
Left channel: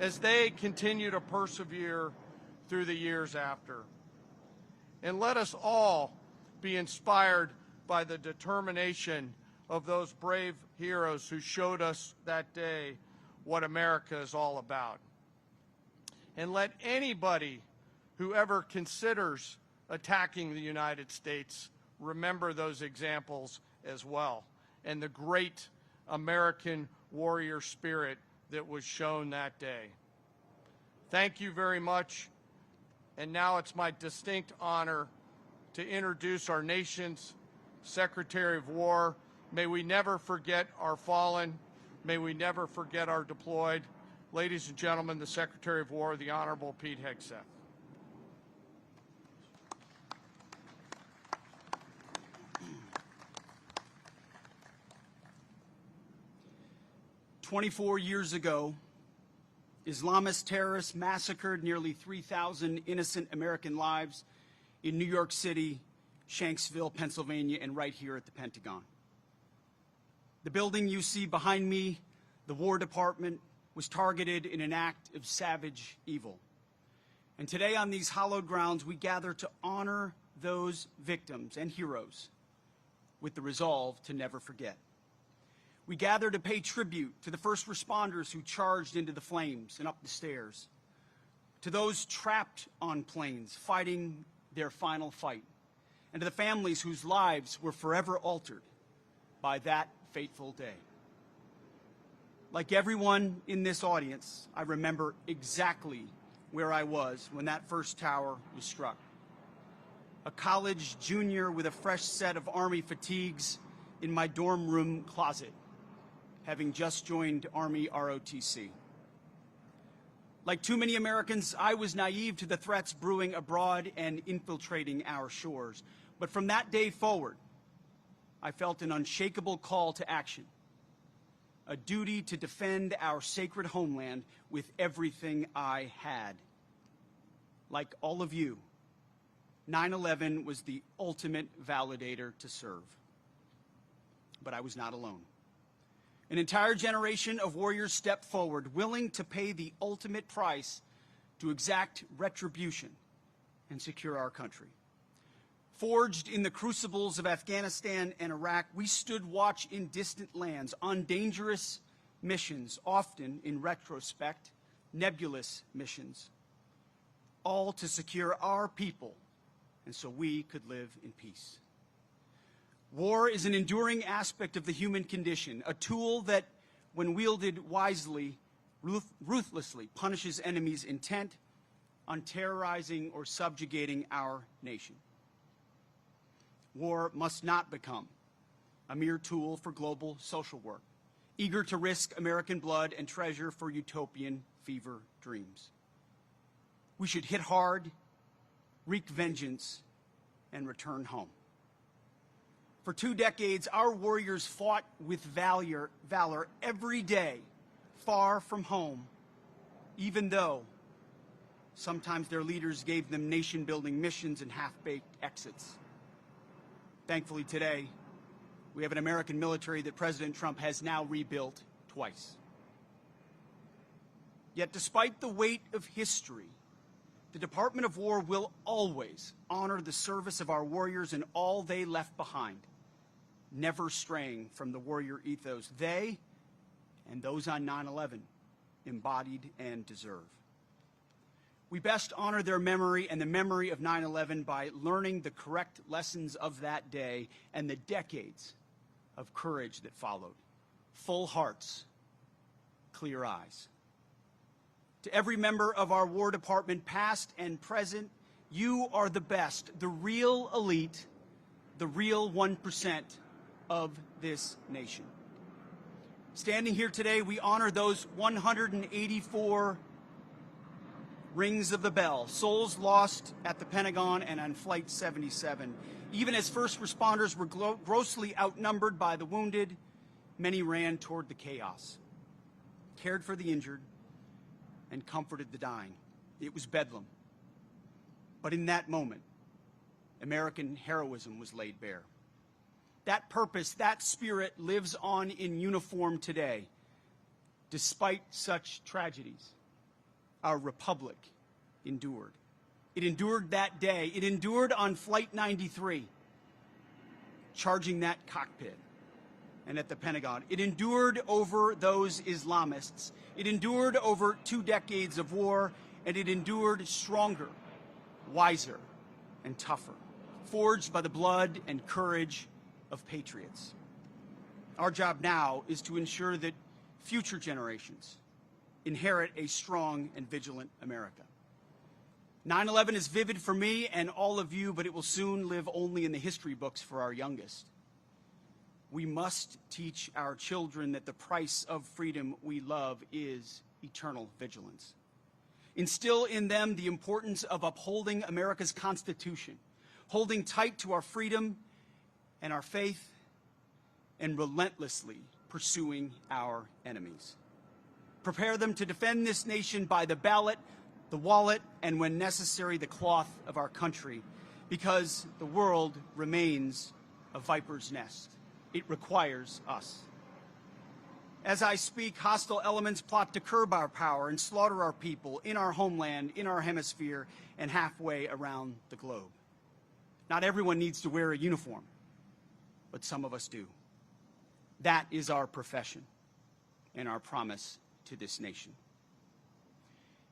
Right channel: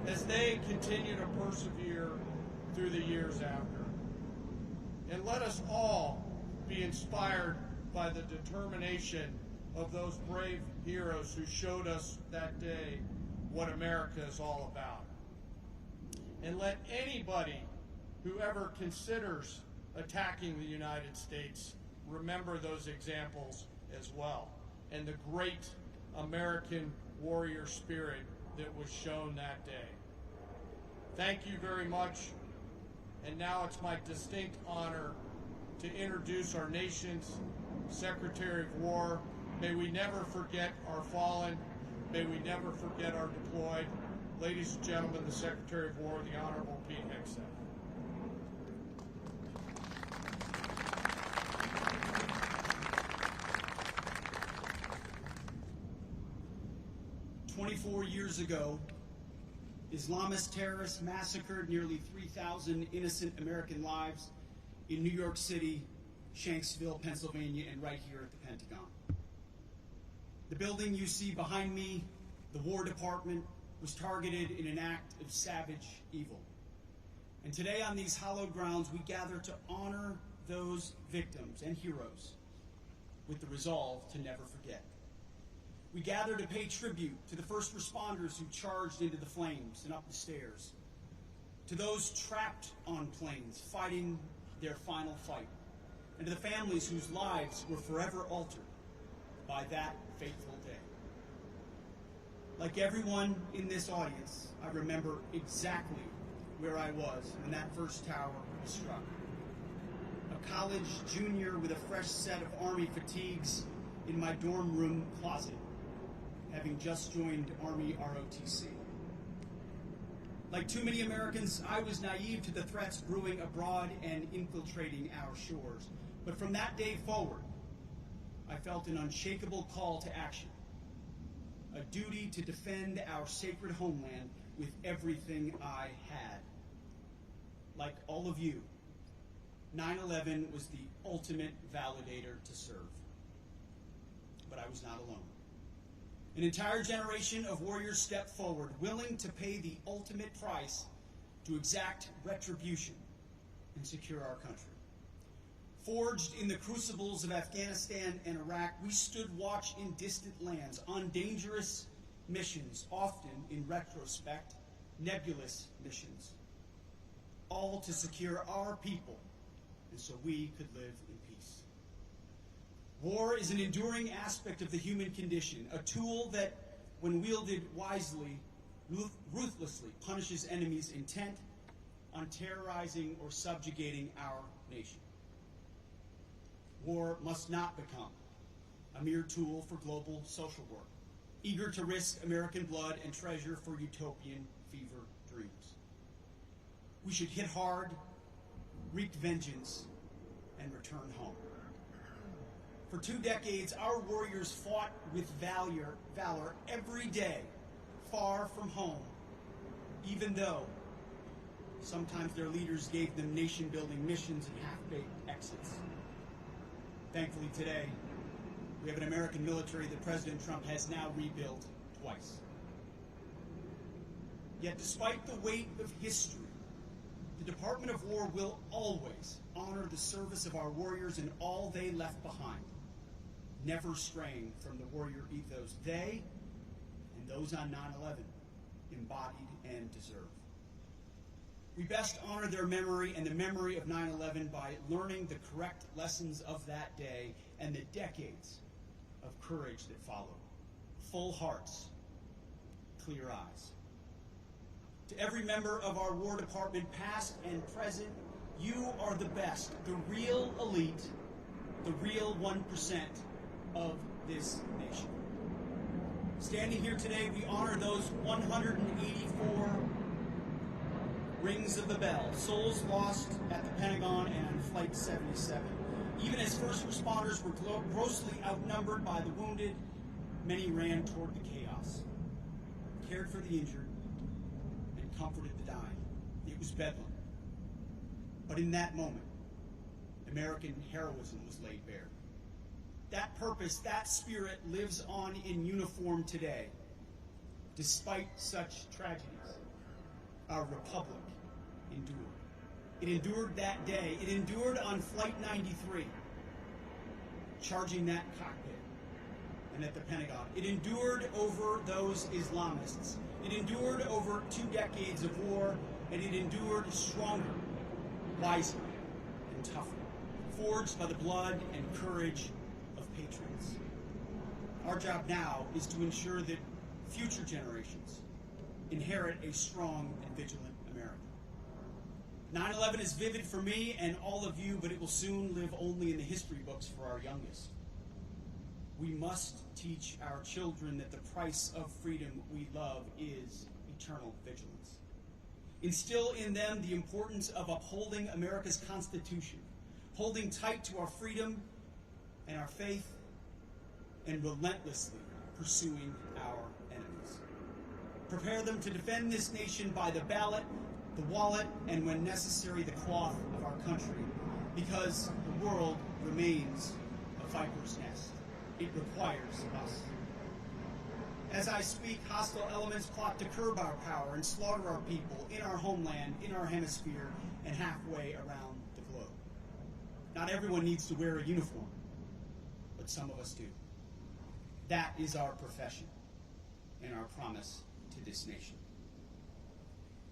as they continue to persevere through the years after. And let us all be inspired by the determination of those brave heroes who showed us that day what America is all about. And let anybody who ever considers attacking the United States remember those examples as well, and the great American warrior spirit that was shown that day. Thank you very much. And now it's my distinct honor to introduce our nation's Secretary of War. May we never forget our fallen. May we never forget our deployed. Ladies and gentlemen, the Secretary of War, the Honorable Pete Hex. 24 years ago, Islamist terrorists massacred nearly 3,000 innocent American lives in New York City, Shanksville, Pennsylvania, and right here at the Pentagon. The building you see behind me, the War Department, was targeted in an act of savage evil. And today on these hallowed grounds, we gather to honor those victims and heroes with the resolve to never forget. We gather to pay tribute to the first responders who charged into the flames and up the stairs, to those trapped on planes fighting their final fight, and to the families whose lives were forever altered by that fateful day. Like everyone in this audience, I remember exactly where I was when that first tower was struck. A college junior with a fresh set of Army fatigues in my dorm room closet, having just joined Army ROTC. Like too many Americans, I was naive to the threats brewing abroad and infiltrating our shores. But from that day forward, I felt an unshakable call to action, a duty to defend our sacred homeland with everything I had. Like all of you, 9/11 was the ultimate validator to serve. But I was not alone. An entire generation of warriors stepped forward, willing to pay the ultimate price to exact retribution and secure our country. Forged in the crucibles of Afghanistan and Iraq, we stood watch in distant lands on dangerous missions, often, in retrospect, nebulous missions, all to secure our people and so we could live in peace. War is an enduring aspect of the human condition, a tool that, when wielded wisely, ruthlessly punishes enemies intent on terrorizing or subjugating our nation. War must not become a mere tool for global social work, eager to risk American blood and treasure for utopian fever dreams. We should hit hard, wreak vengeance, and return home. For 2 decades, our warriors fought with valor every day, far from home, even though sometimes their leaders gave them nation-building missions and half-baked exits. Thankfully today, we have an American military that President Trump has now rebuilt twice. Yet despite the weight of history, the Department of War will always honor the service of our warriors and all they left behind, never straying from the warrior ethos they and those on 9/11 embodied and deserve. We best honor their memory and the memory of 9/11 by learning the correct lessons of that day and the decades of courage that followed. Full hearts, clear eyes. To every member of our War Department, past and present, you are the best, the real elite, the real 1% of this nation. Standing here today, we honor those 184 rings of the bell, souls lost at the Pentagon and on Flight 77. Even as first responders were grossly outnumbered by the wounded, many ran toward the chaos, cared for the injured, and comforted the dying. It was bedlam. But in that moment, American heroism was laid bare. That purpose, that spirit lives on in uniform today. Despite such tragedies, our republic endured. It endured that day. It endured on Flight 93, charging that cockpit, and at the Pentagon. It endured over those Islamists. It endured over 2 decades of war, and it endured stronger, wiser, and tougher, forged by the blood and courage of patriots. Our job now is to ensure that future generations inherit a strong and vigilant America. 9/11 is vivid for me and all of you, but it will soon live only in the history books for our youngest. We must teach our children that the price of freedom we love is eternal vigilance. Instill in them the importance of upholding America's Constitution, holding tight to our freedom and our faith, and relentlessly pursuing our enemies. Prepare them to defend this nation by the ballot, the wallet, and when necessary, the cloth of our country, because the world remains a viper's nest. It requires us. As I speak, hostile elements plot to curb our power and slaughter our people in our homeland, in our hemisphere, and halfway around the globe. Not everyone needs to wear a uniform, but some of us do. That is our profession and our promise to this nation.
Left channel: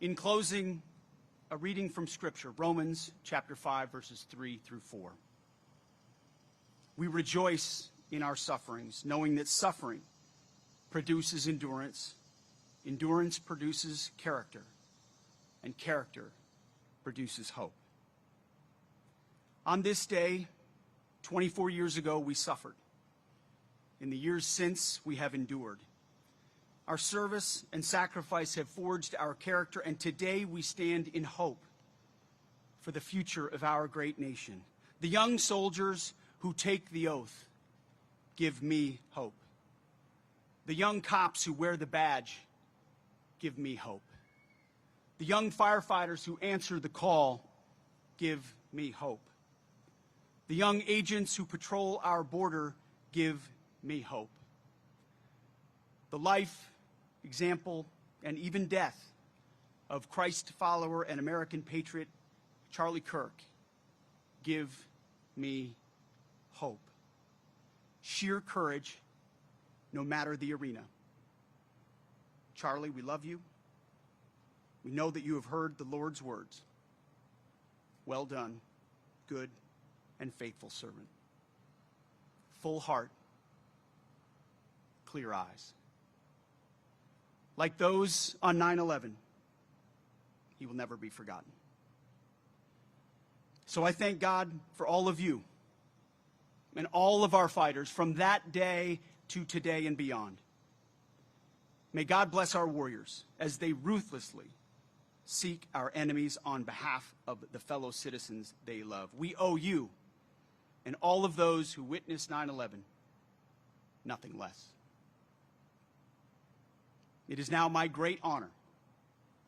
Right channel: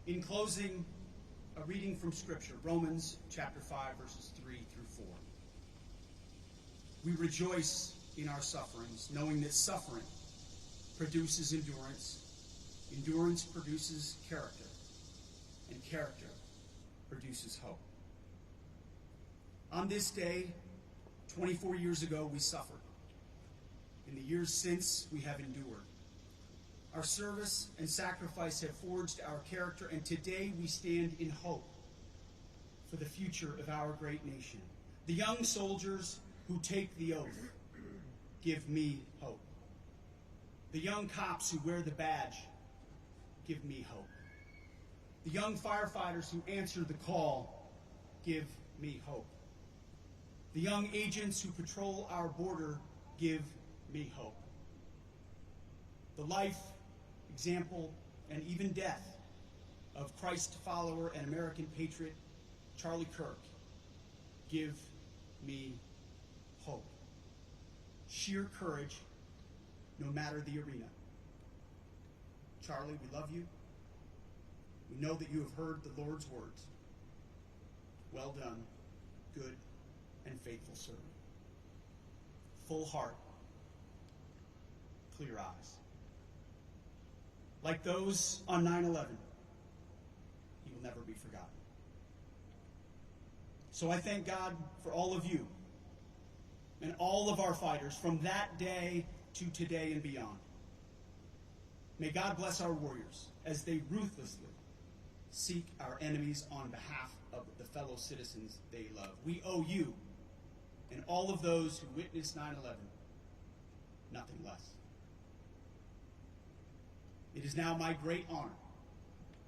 In closing, a reading from Scripture, Romans chapter 5, verses 3 through 4. We rejoice in our sufferings, knowing that suffering produces endurance, endurance produces character, and character produces hope. On this day, 24 years ago, we suffered. In the years since, we have endured. Our service and sacrifice have forged our character, and today we stand in hope for the future of our great nation. The young soldiers who take the oath give me hope. The young cops who wear the badge give me hope. The young firefighters who answer the call give me hope. The young agents who patrol our border give me hope. The life, example, and even death of Christ follower and American patriot Charlie Kirk give me hope. Sheer courage, no matter the arena. Charlie, we love you. We know that you have heard the Lord's words. Well done, good and faithful servant. Full heart, clear eyes. Like those on 9/11, he will never be forgotten. So I thank God for all of you and all of our fighters from that day to today and beyond. May God bless our warriors as they ruthlessly seek our enemies on behalf of the fellow citizens they love. We owe you and all of those who witnessed 9/11 nothing less. It is now my great honor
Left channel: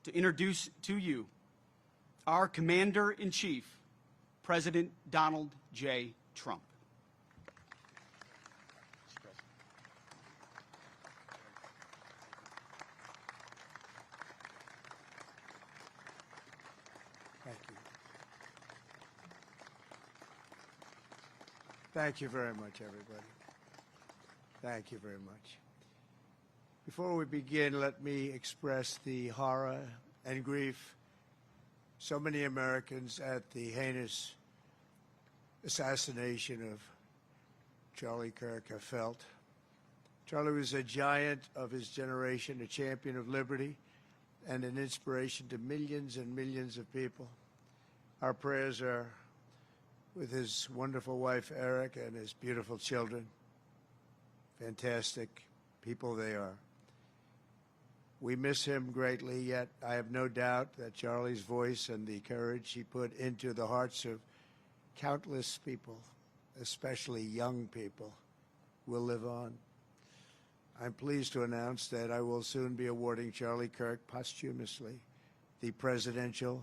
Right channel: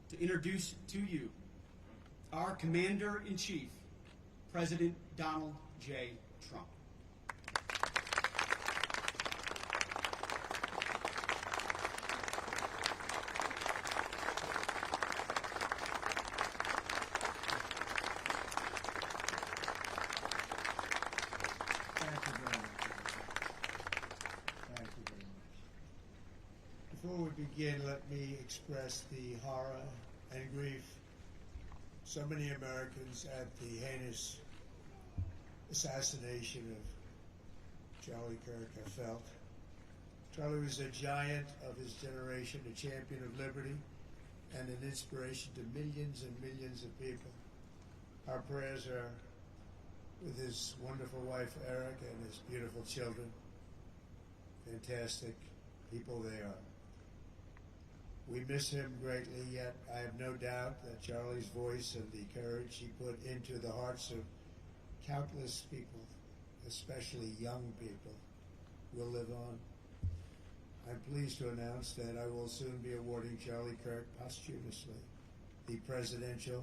to introduce to you our Commander-in-Chief, President Donald J. Trump. Thank you very much, everybody. Thank you very much. Before we begin, let me express the horror and grief so many Americans at the heinous assassination of Charlie Kirk have felt. Charlie was a giant of his generation, a champion of liberty, and an inspiration to millions and millions of people. Our prayers are with his wonderful wife, Eric, and his beautiful children. Fantastic people they are. We miss him greatly, yet I have no doubt that Charlie's voice and the courage he put into the hearts of countless people, especially young people, will live on. I'm pleased to announce that I will soon be awarding Charlie Kirk posthumously the Presidential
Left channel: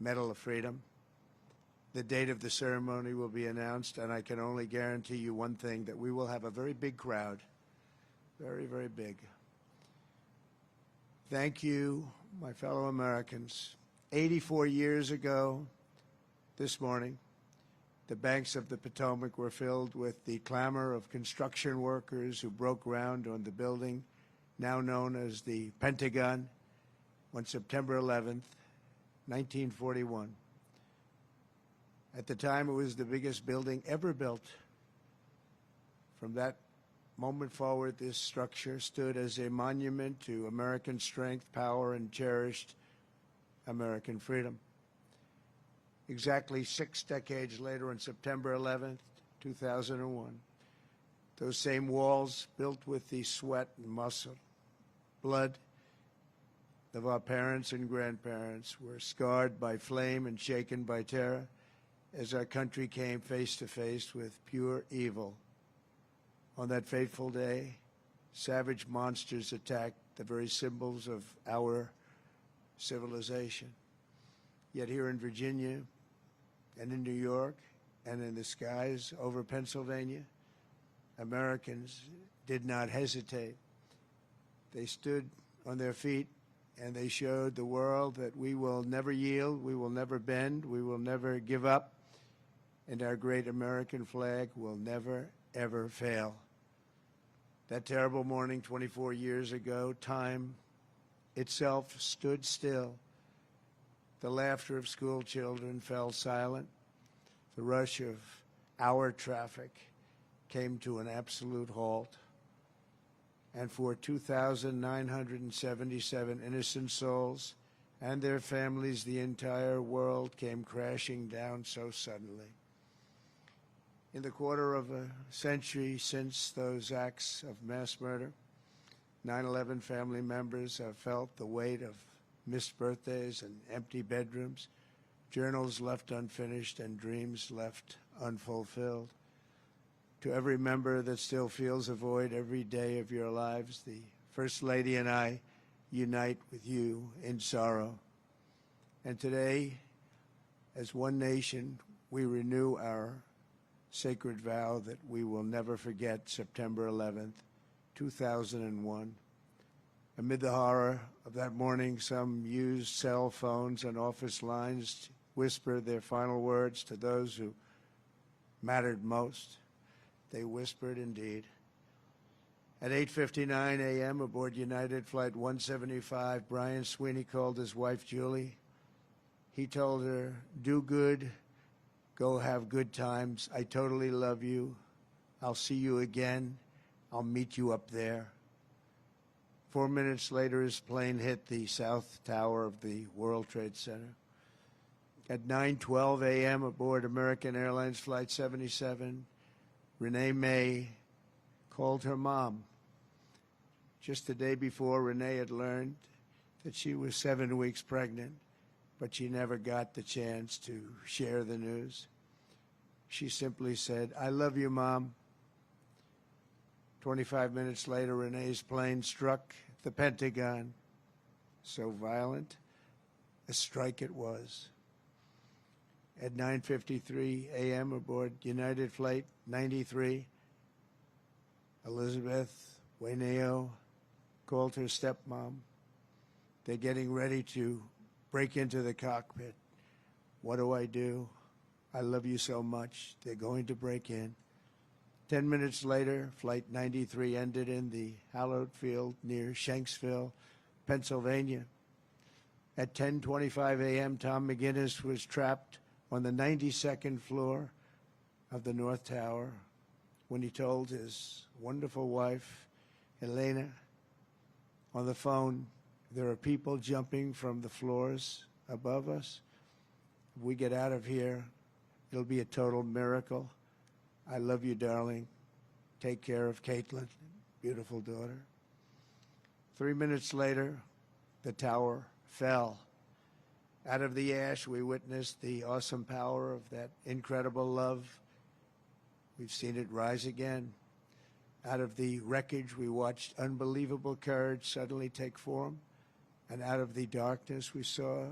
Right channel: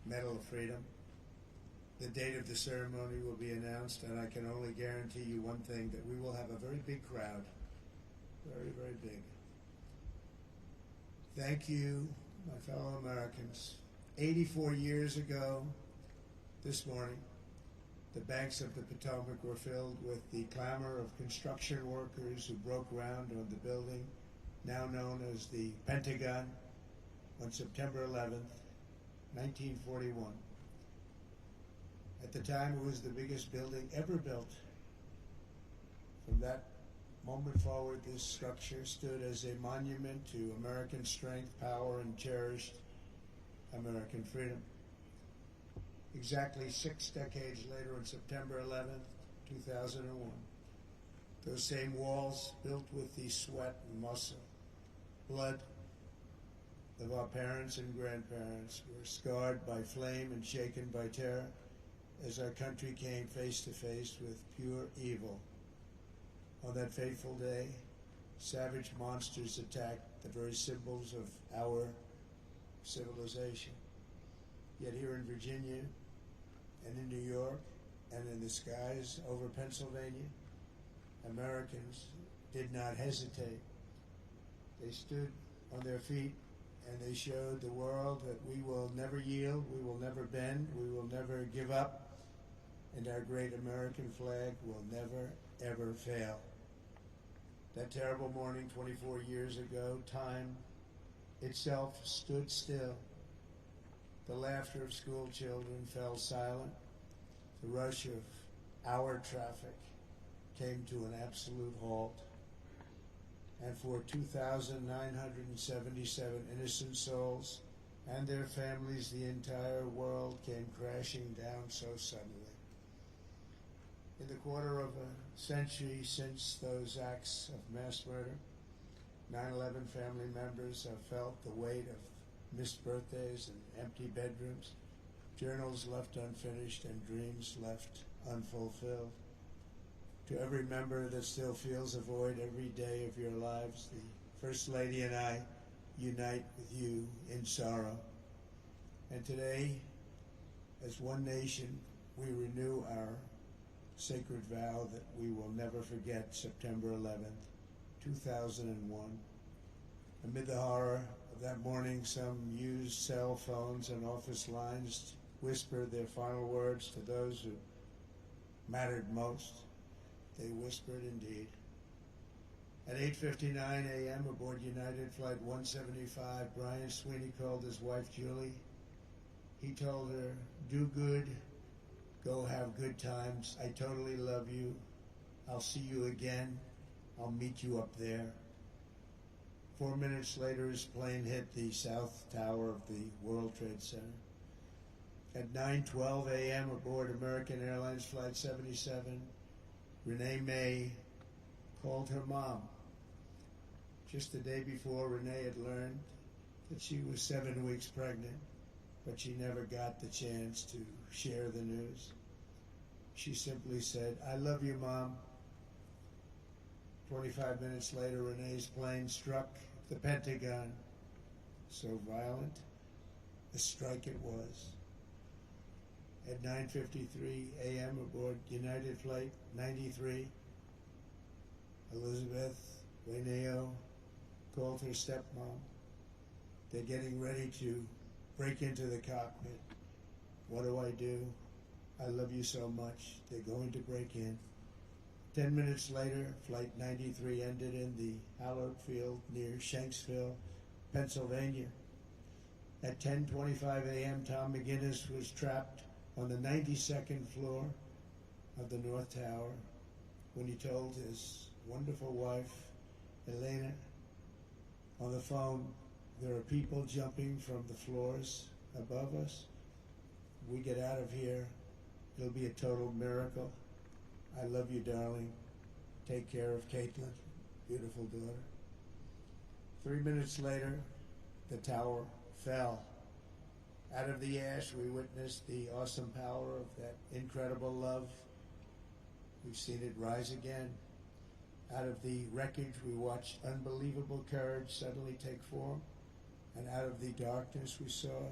Medal of Freedom. The date of the ceremony will be announced, and I can only guarantee you one thing, that we will have a very big crowd. Very, very big. Thank you, my fellow Americans. 84 years ago, this morning, the banks of the Potomac were filled with the clamor of construction workers who broke ground on the building now known as the Pentagon on September 11th, 1941. At the time, it was the biggest building ever built. From that moment forward, this structure stood as a monument to American strength, power, and cherished American freedom. Exactly 6 decades later, on September 11th, 2001, those same walls, built with the sweat and muscle, blood of our parents and grandparents, were scarred by flame and shaken by terror as our country came face to face with pure evil. On that fateful day, savage monsters attacked the very symbols of our civilization. Yet here in Virginia and in New York and in the skies over Pennsylvania, Americans did not hesitate. They stood on their feet and they showed the world that we will never yield, we will never bend, we will never give up, and our great American flag will never, ever fail. That terrible morning 24 years ago, time itself stood still. The laughter of school children fell silent. The rush of our traffic came to an absolute halt. And for 2,977 innocent souls and their families, the entire world came crashing down so suddenly. In the quarter of a century since those acts of mass murder, 9/11 family members have felt the weight of missed birthdays and empty bedrooms, journals left unfinished, and dreams left unfulfilled. To every member that still feels a void every day of your lives, the First Lady and I unite with you in sorrow. And today, as one nation, we renew our sacred vow that we will never forget September 11th, 2001. Amid the horror of that morning, some used cell phones and office lines whispered their final words to those who mattered most. They whispered indeed. At 8:59 a.m. aboard United Flight 175, Brian Sweeney called his wife Julie. He told her, "Do good, go have good times. I totally love you. I'll see you again. I'll meet you up there." 4 minutes later, his plane hit the south tower of the World Trade Center. At 9:12 a.m. aboard American Airlines Flight 77, Renee May called her mom. Just the day before, Renee had learned that she was 7 weeks pregnant, but she never got the chance to share the news. She simply said, "I love you, Mom." 25 minutes later, Renee's plane struck the Pentagon. So violent, a strike it was. At 9:53 a.m. aboard United Flight 93, Elizabeth Wayneo called her stepmom. They're getting ready to break into the cockpit. What do I do? I love you so much. They're going to break in. 10 minutes later, Flight 93 ended in the hallowed field near Shanksville, Pennsylvania. At 10:25 a.m., Tom McGinnis was trapped on the 92nd floor of the North Tower when he told his wonderful wife, Elena, on the phone, "There are people jumping from the floors above us. If we get out of here, it'll be a total miracle. I love you, darling. Take care of Caitlin, beautiful daughter." 3 minutes later, the tower fell. Out of the ash, we witnessed the awesome power of that incredible love. We've seen it rise again. Out of the wreckage, we watched unbelievable courage suddenly take form. And out of the darkness, we saw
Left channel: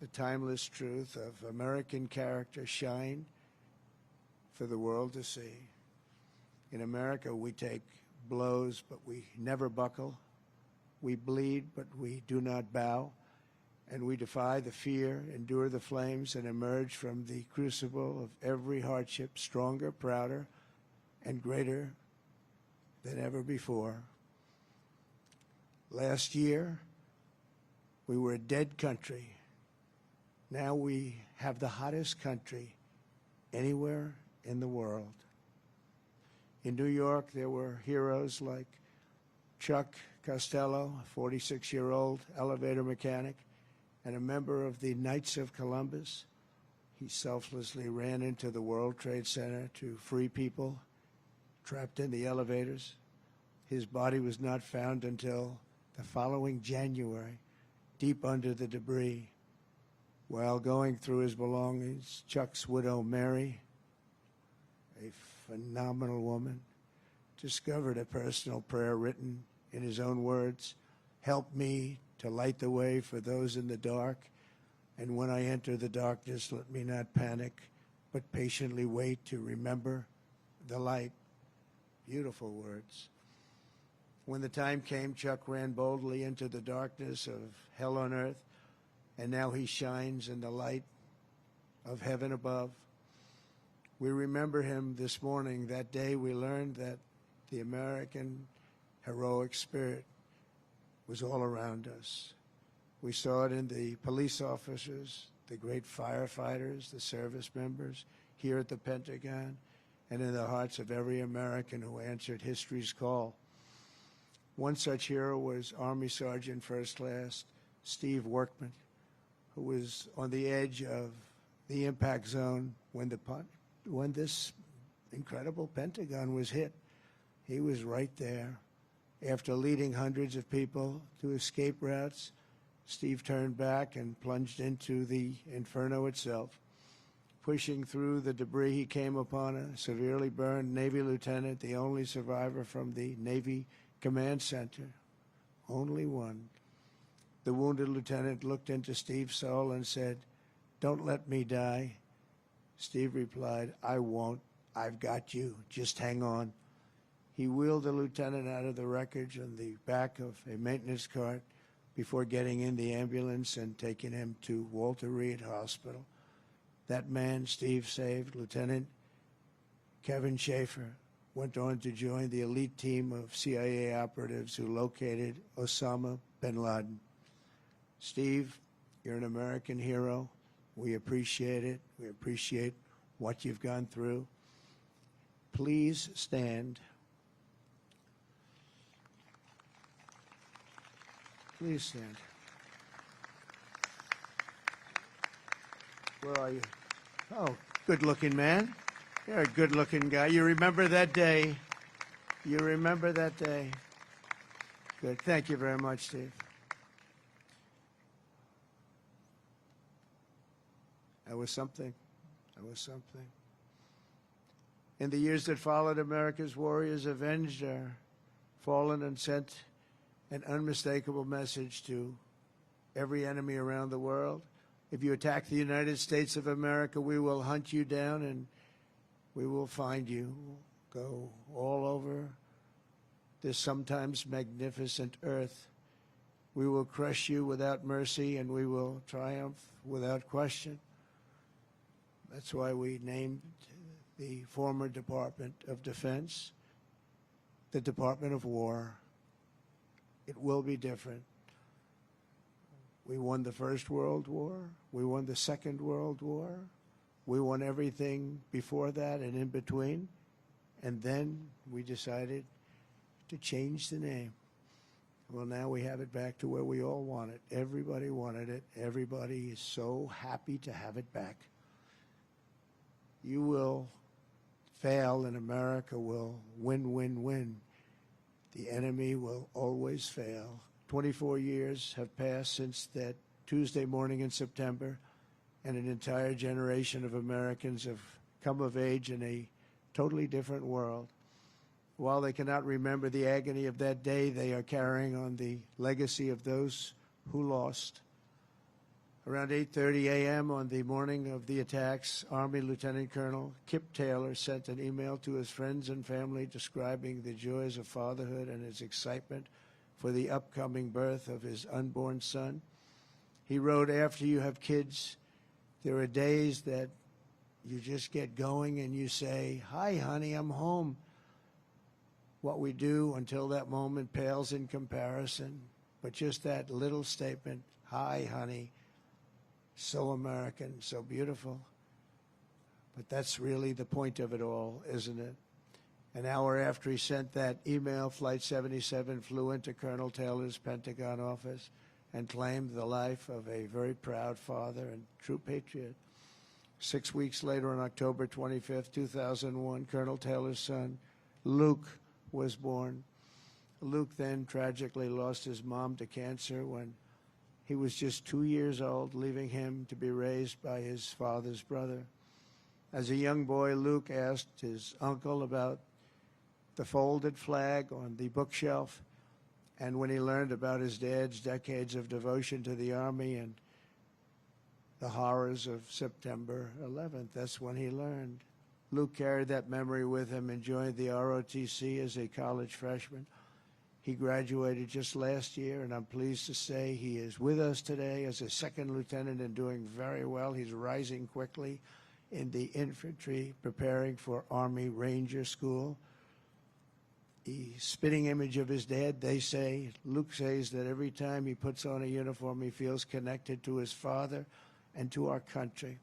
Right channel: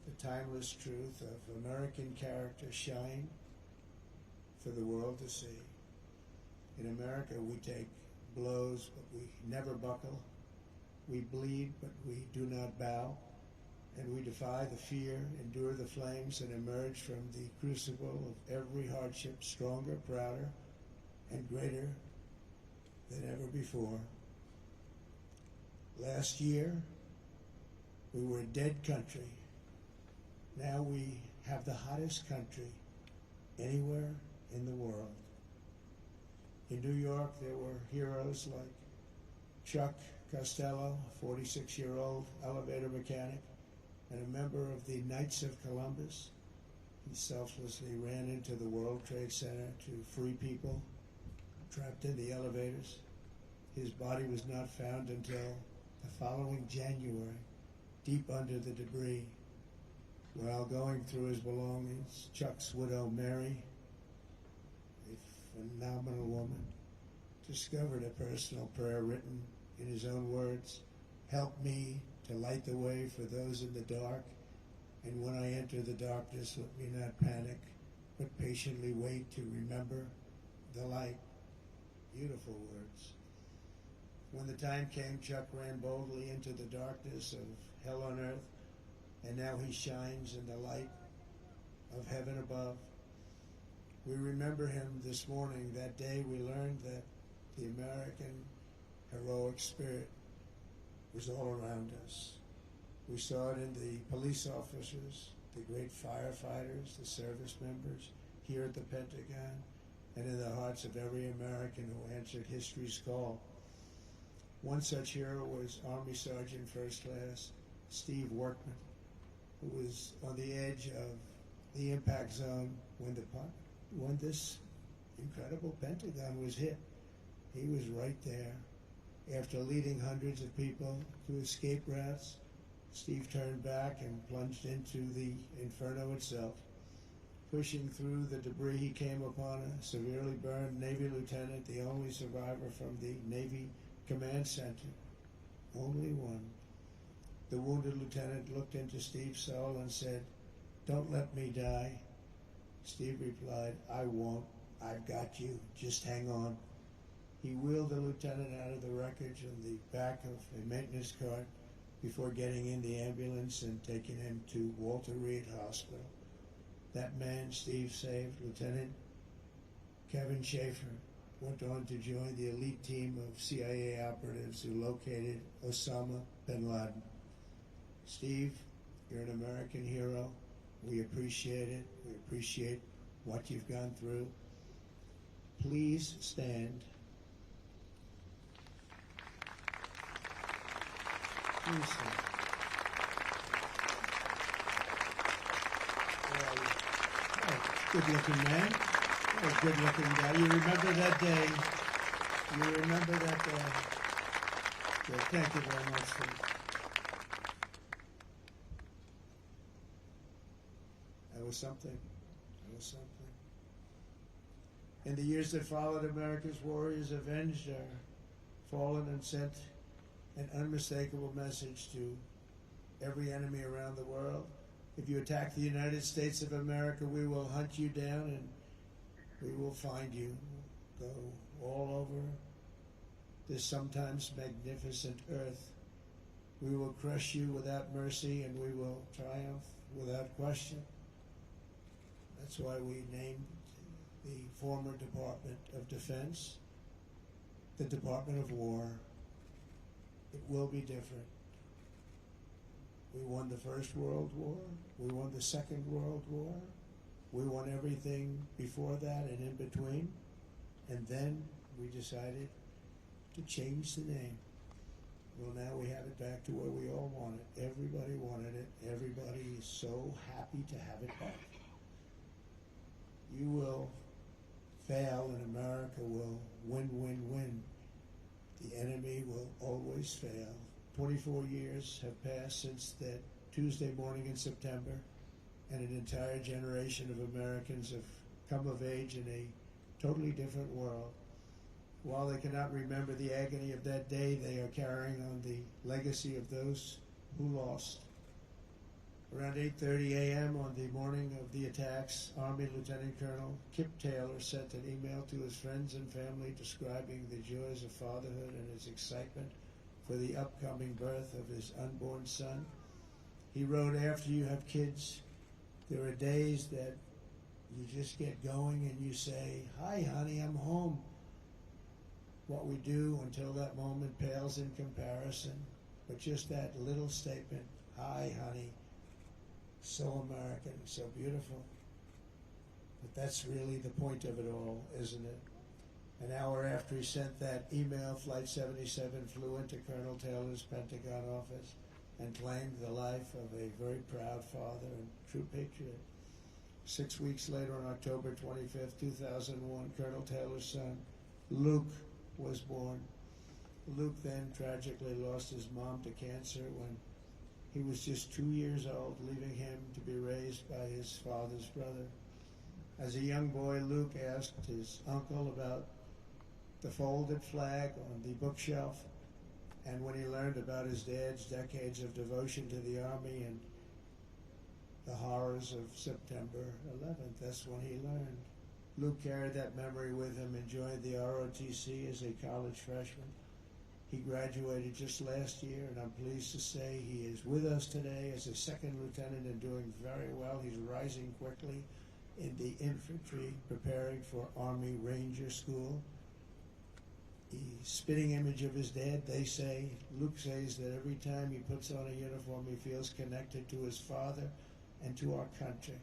the timeless truth of American character shine for the world to see. In America, we take blows, but we never buckle. We bleed, but we do not bow. And we defy the fear, endure the flames, and emerge from the crucible of every hardship stronger, prouder, and greater than ever before. Last year, we were a dead country. Now we have the hottest country anywhere in the world. In New York, there were heroes like Chuck Costello, a 46-year-old elevator mechanic and a member of the Knights of Columbus. He selflessly ran into the World Trade Center to free people trapped in the elevators. His body was not found until the following January, deep under the debris. While going through his belongings, Chuck's widow, Mary, a phenomenal woman, discovered a personal prayer written in his own words, "Help me to light the way for those in the dark, and when I enter the darkness, let me not panic, but patiently wait to remember the light." Beautiful words. When the time came, Chuck ran boldly into the darkness of hell on earth, and now he shines in the light of heaven above. We remember him this morning. That day we learned that the American heroic spirit was all around us. We saw it in the police officers, the great firefighters, the service members here at the Pentagon, and in the hearts of every American who answered history's call. One such hero was Army Sergeant First Class Steve Workman, who was on the edge of the impact zone when this incredible Pentagon was hit. He was right there. After leading hundreds of people to escape routes, Steve turned back and plunged into the inferno itself. Pushing through the debris, he came upon a severely burned Navy lieutenant, the only survivor from the Navy Command Center. Only one. The wounded lieutenant looked into Steve's soul and said, "Don't let me die." Steve replied, "I won't. I've got you. Just hang on." He wheeled the lieutenant out of the wreckage on the back of a maintenance cart before getting in the ambulance and taking him to Walter Reed Hospital. That man Steve saved, Lieutenant Kevin Schaefer, went on to join the elite team of CIA operatives who located Osama bin Laden. Steve, you're an American hero. We appreciate it. We appreciate what you've gone through. Please stand. Please stand. Boy, oh, good-looking man. You're a good-looking guy. You remember that day. You remember that day. Good. Thank you very much, Steve. That was something. That was something. In the years that followed, America's warriors avenged our fallen and sent an unmistakable message to every enemy around the world. If you attack the United States of America, we will hunt you down and we will find you. Go all over this sometimes magnificent earth. We will crush you without mercy and we will triumph without question. That's why we named the former Department of Defense the Department of War. It will be different. We won the First World War. We won the Second World War. We won everything before that and in between. And then we decided to change the name. Well, now we have it back to where we all want it. Everybody wanted it. Everybody is so happy to have it back. You will fail and America will win, win, win. The enemy will always fail. 24 years have passed since that Tuesday morning in September, and an entire generation of Americans have come of age in a totally different world. While they cannot remember the agony of that day, they are carrying on the legacy of those who lost. Around 8:30 a.m. on the morning of the attacks, Army Lieutenant Colonel Kip Taylor sent an email to his friends and family describing the joys of fatherhood and his excitement for the upcoming birth of his unborn son. He wrote, "After you have kids, there are days that you just get going and you say, 'Hi, honey, I'm home.' What we do until that moment pales in comparison, but just that little statement, 'Hi, honey,' So American, so beautiful. But that's really the point of it all, isn't it? An hour after he sent that email, Flight 77 flew into Colonel Taylor's Pentagon office and claimed the life of a very proud father and true patriot. 6 weeks later, on October 25th, 2001, Colonel Taylor's son, Luke, was born. Luke then tragically lost his mom to cancer when he was just 2 years old, leaving him to be raised by his father's brother. As a young boy, Luke asked his uncle about the folded flag on the bookshelf, and when he learned about his dad's decades of devotion to the Army and the horrors of September 11th, that's when he learned. Luke carried that memory with him and joined the ROTC as a college freshman. He graduated just last year, and I'm pleased to say he is with us today as a second lieutenant and doing very well. He's rising quickly in the infantry, preparing for Army Ranger School. The spitting image of his dad, they say, Luke says that every time he puts on a uniform, he feels connected to his father and to our country.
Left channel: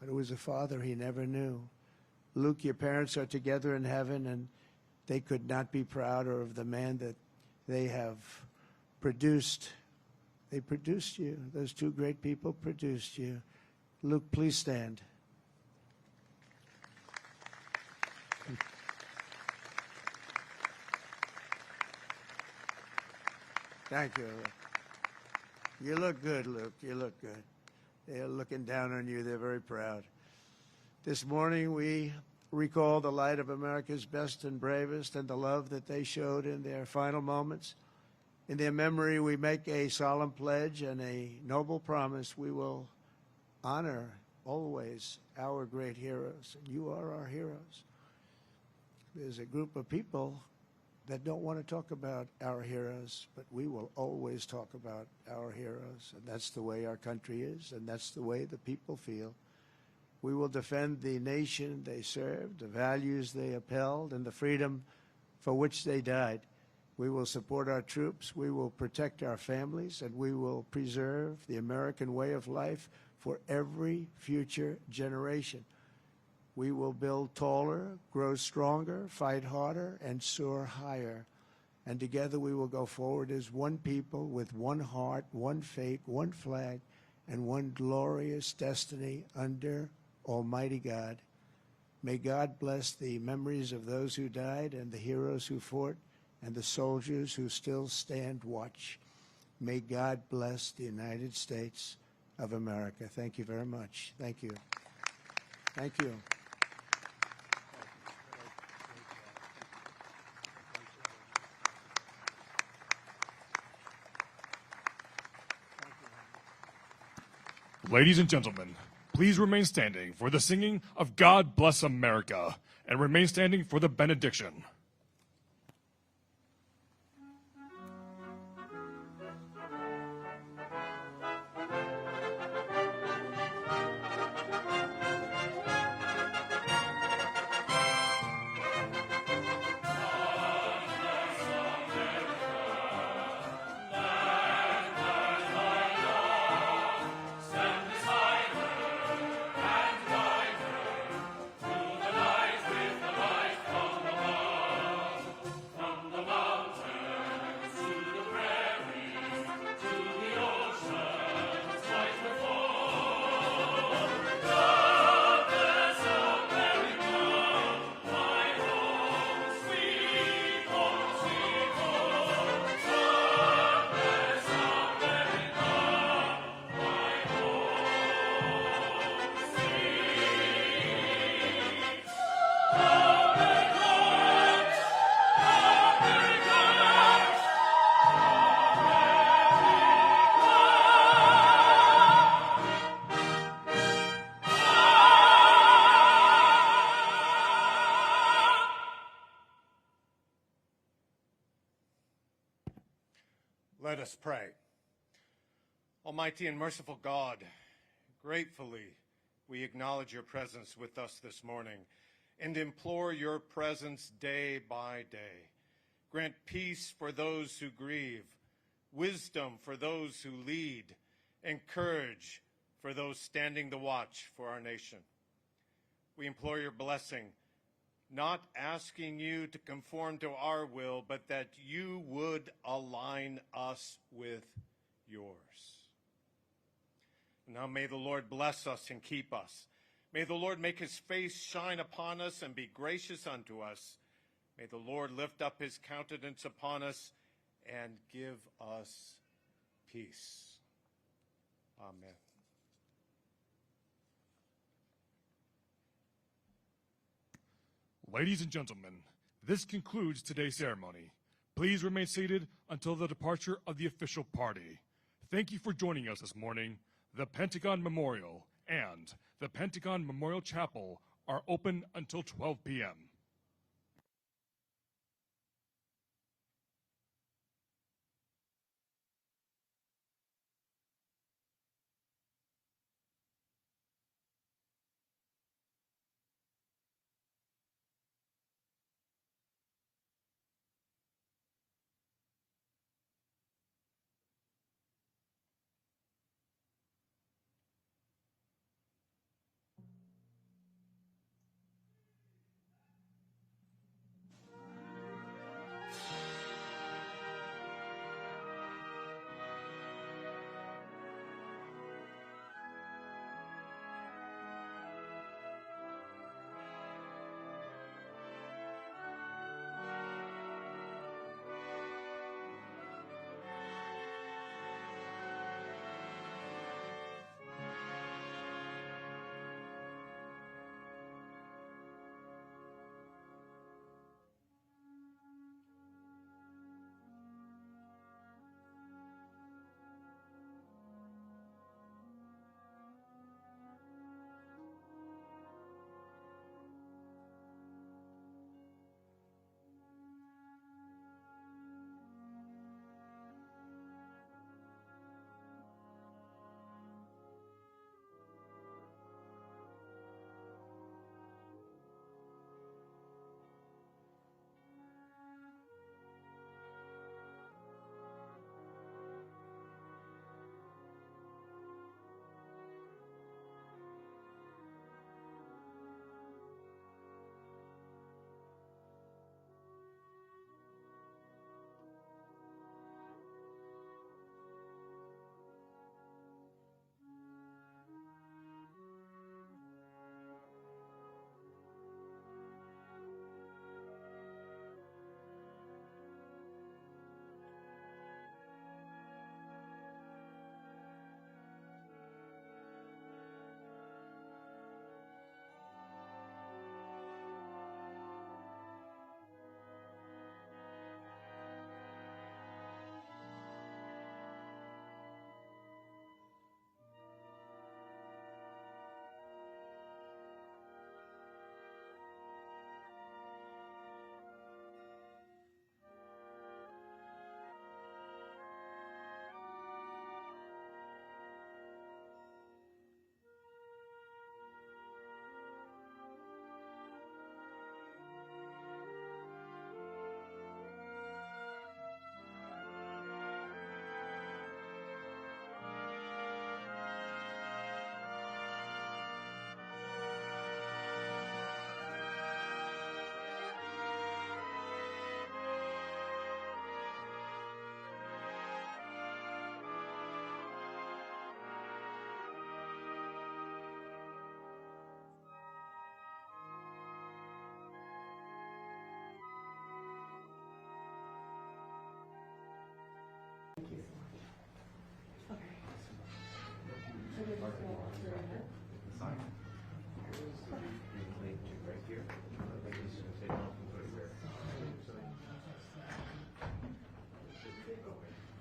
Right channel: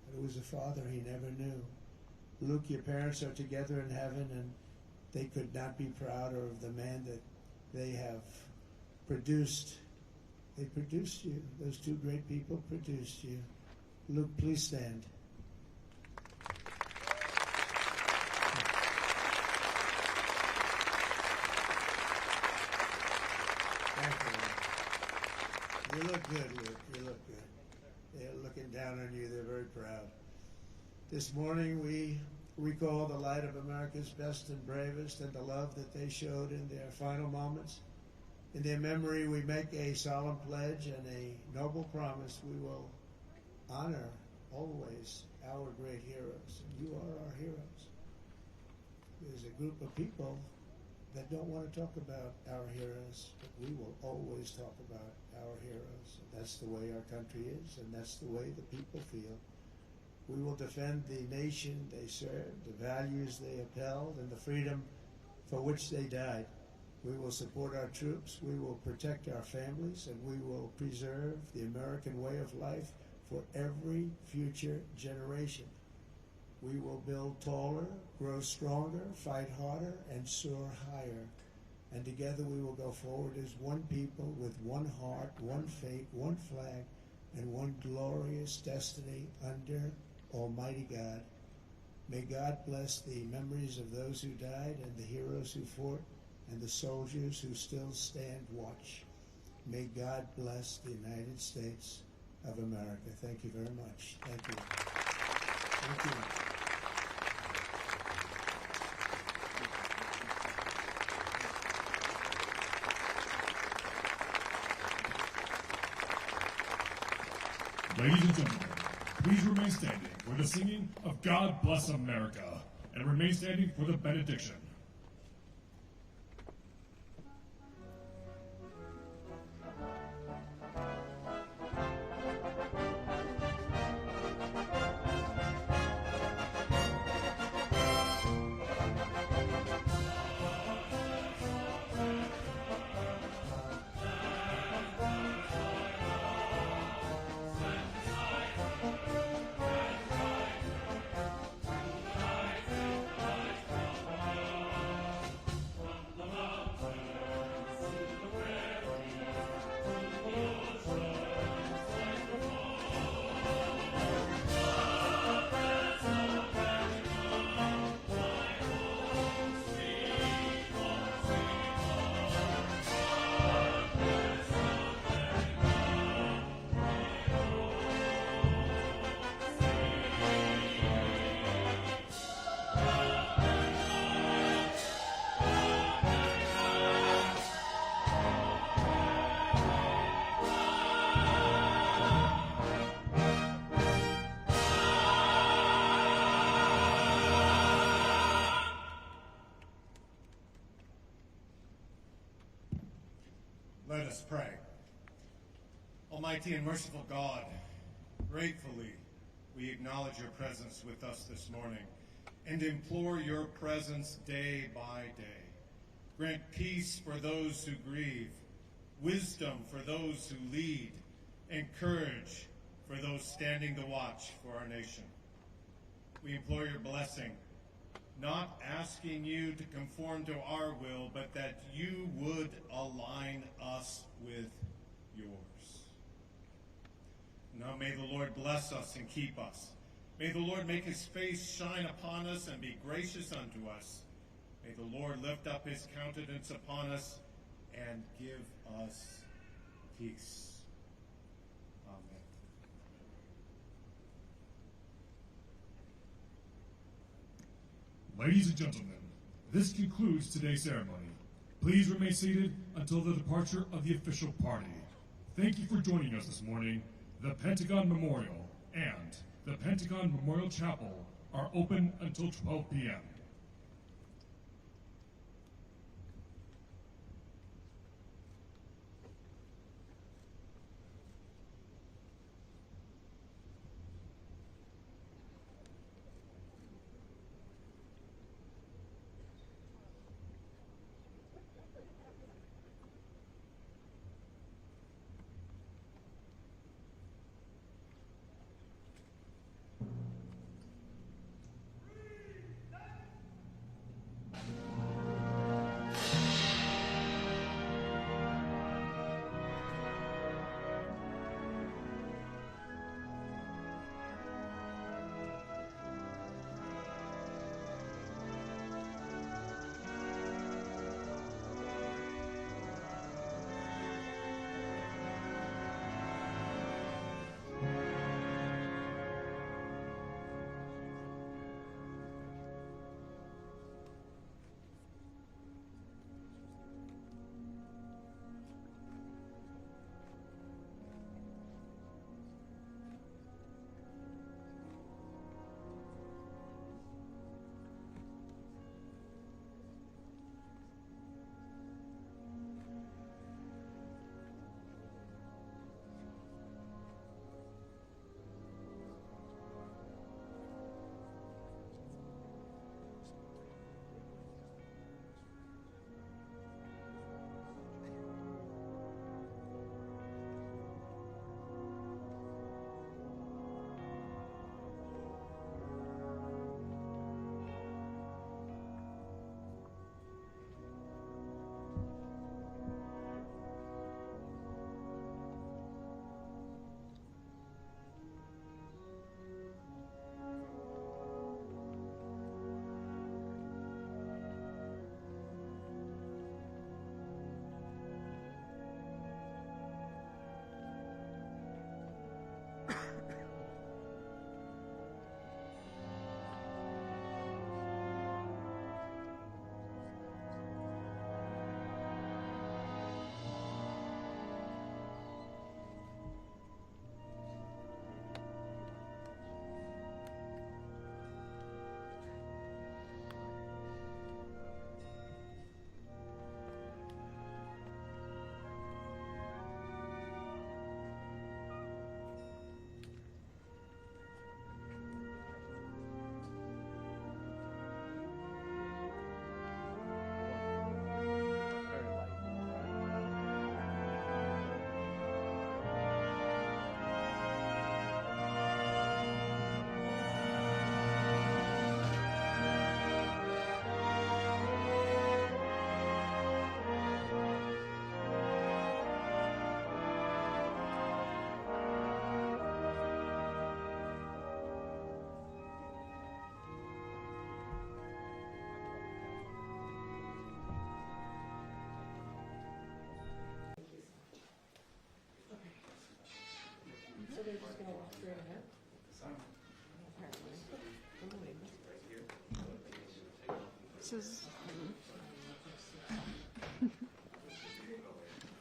But it was a father he never knew. Luke, your parents are together in heaven, and they could not be prouder of the man that they have produced. They produced you. Those two great people produced you. Luke, please stand. Thank you. You look good, Luke. You look good. They're looking down on you. They're very proud. This morning we recall the light of America's best and bravest and the love that they showed in their final moments. In their memory, we make a solemn pledge and a noble promise. We will honor always our great heroes. You are our heroes. There's a group of people that don't want to talk about our heroes, but we will always talk about our heroes. And that's the way our country is, and that's the way the people feel. We will defend the nation they served, the values they upheld, and the freedom for which they died. We will support our troops, we will protect our families, and we will preserve the American way of life for every future generation. We will build taller, grow stronger, fight harder, and soar higher. And together we will go forward as one people with one heart, one faith, one flag, and one glorious destiny under Almighty God. May God bless the memories of those who died and the heroes who fought and the soldiers who still stand watch. May God bless the United States of America. Thank you very much. Thank you. Thank you. Ladies and gentlemen, please remain standing for the singing of God Bless America, and remain standing for the benediction. Let us pray. Almighty and merciful God, gratefully we acknowledge your presence with us this morning and implore your presence day by day. Grant peace for those who grieve, wisdom for those who lead, and courage for those standing the watch for our nation. We implore your blessing, not asking you to conform to our will, but that you would align us with yours. Now may the Lord bless us and keep us. May the Lord make his face shine upon us and be gracious unto us. May the Lord lift up his countenance upon us and give us peace. Amen. Ladies and gentlemen, this concludes today's ceremony. Please remain seated until the departure of the official party. Thank you for joining us this morning. The Pentagon Memorial and the Pentagon Memorial Chapel are open until 12 p.m.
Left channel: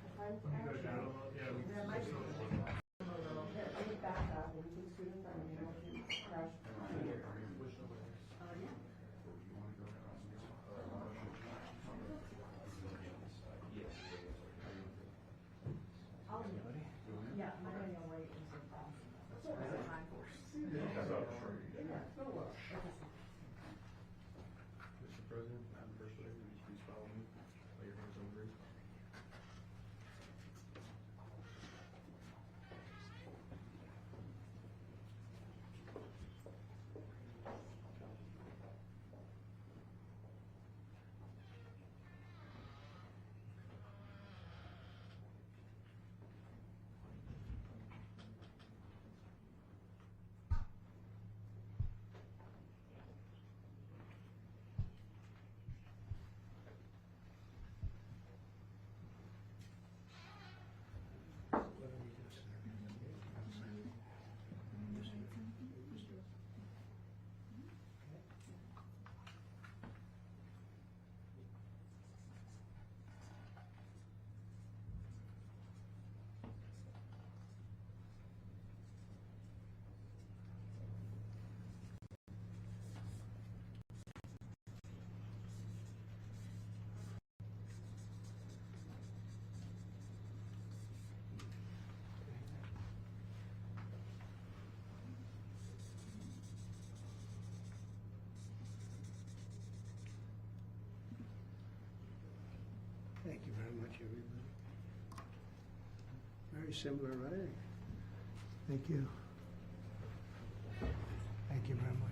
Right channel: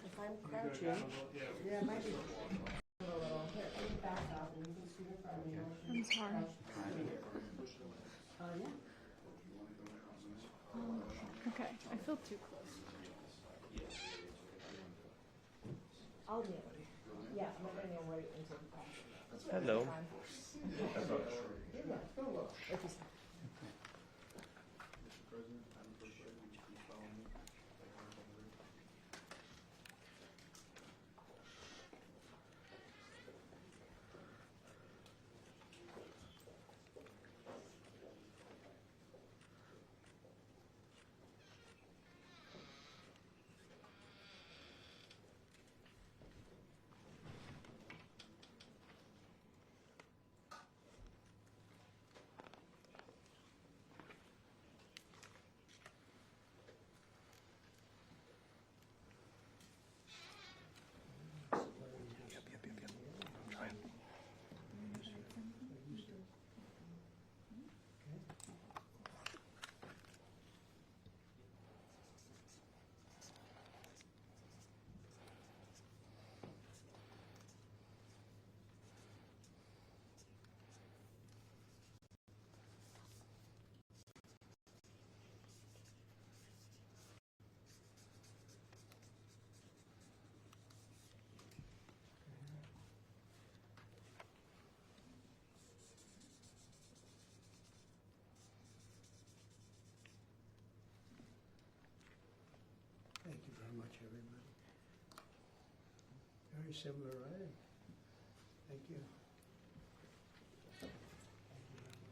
If I'm crouching, yeah, it might be. Here, I can back up and you can scoot in front of me. I'm sorry. Yeah. Okay, I feel too close. I'll kneel. Yeah, I'm not gonna kneel right into the passion. Hello. everybody. Very similar writing. Thank you. Thank you very much.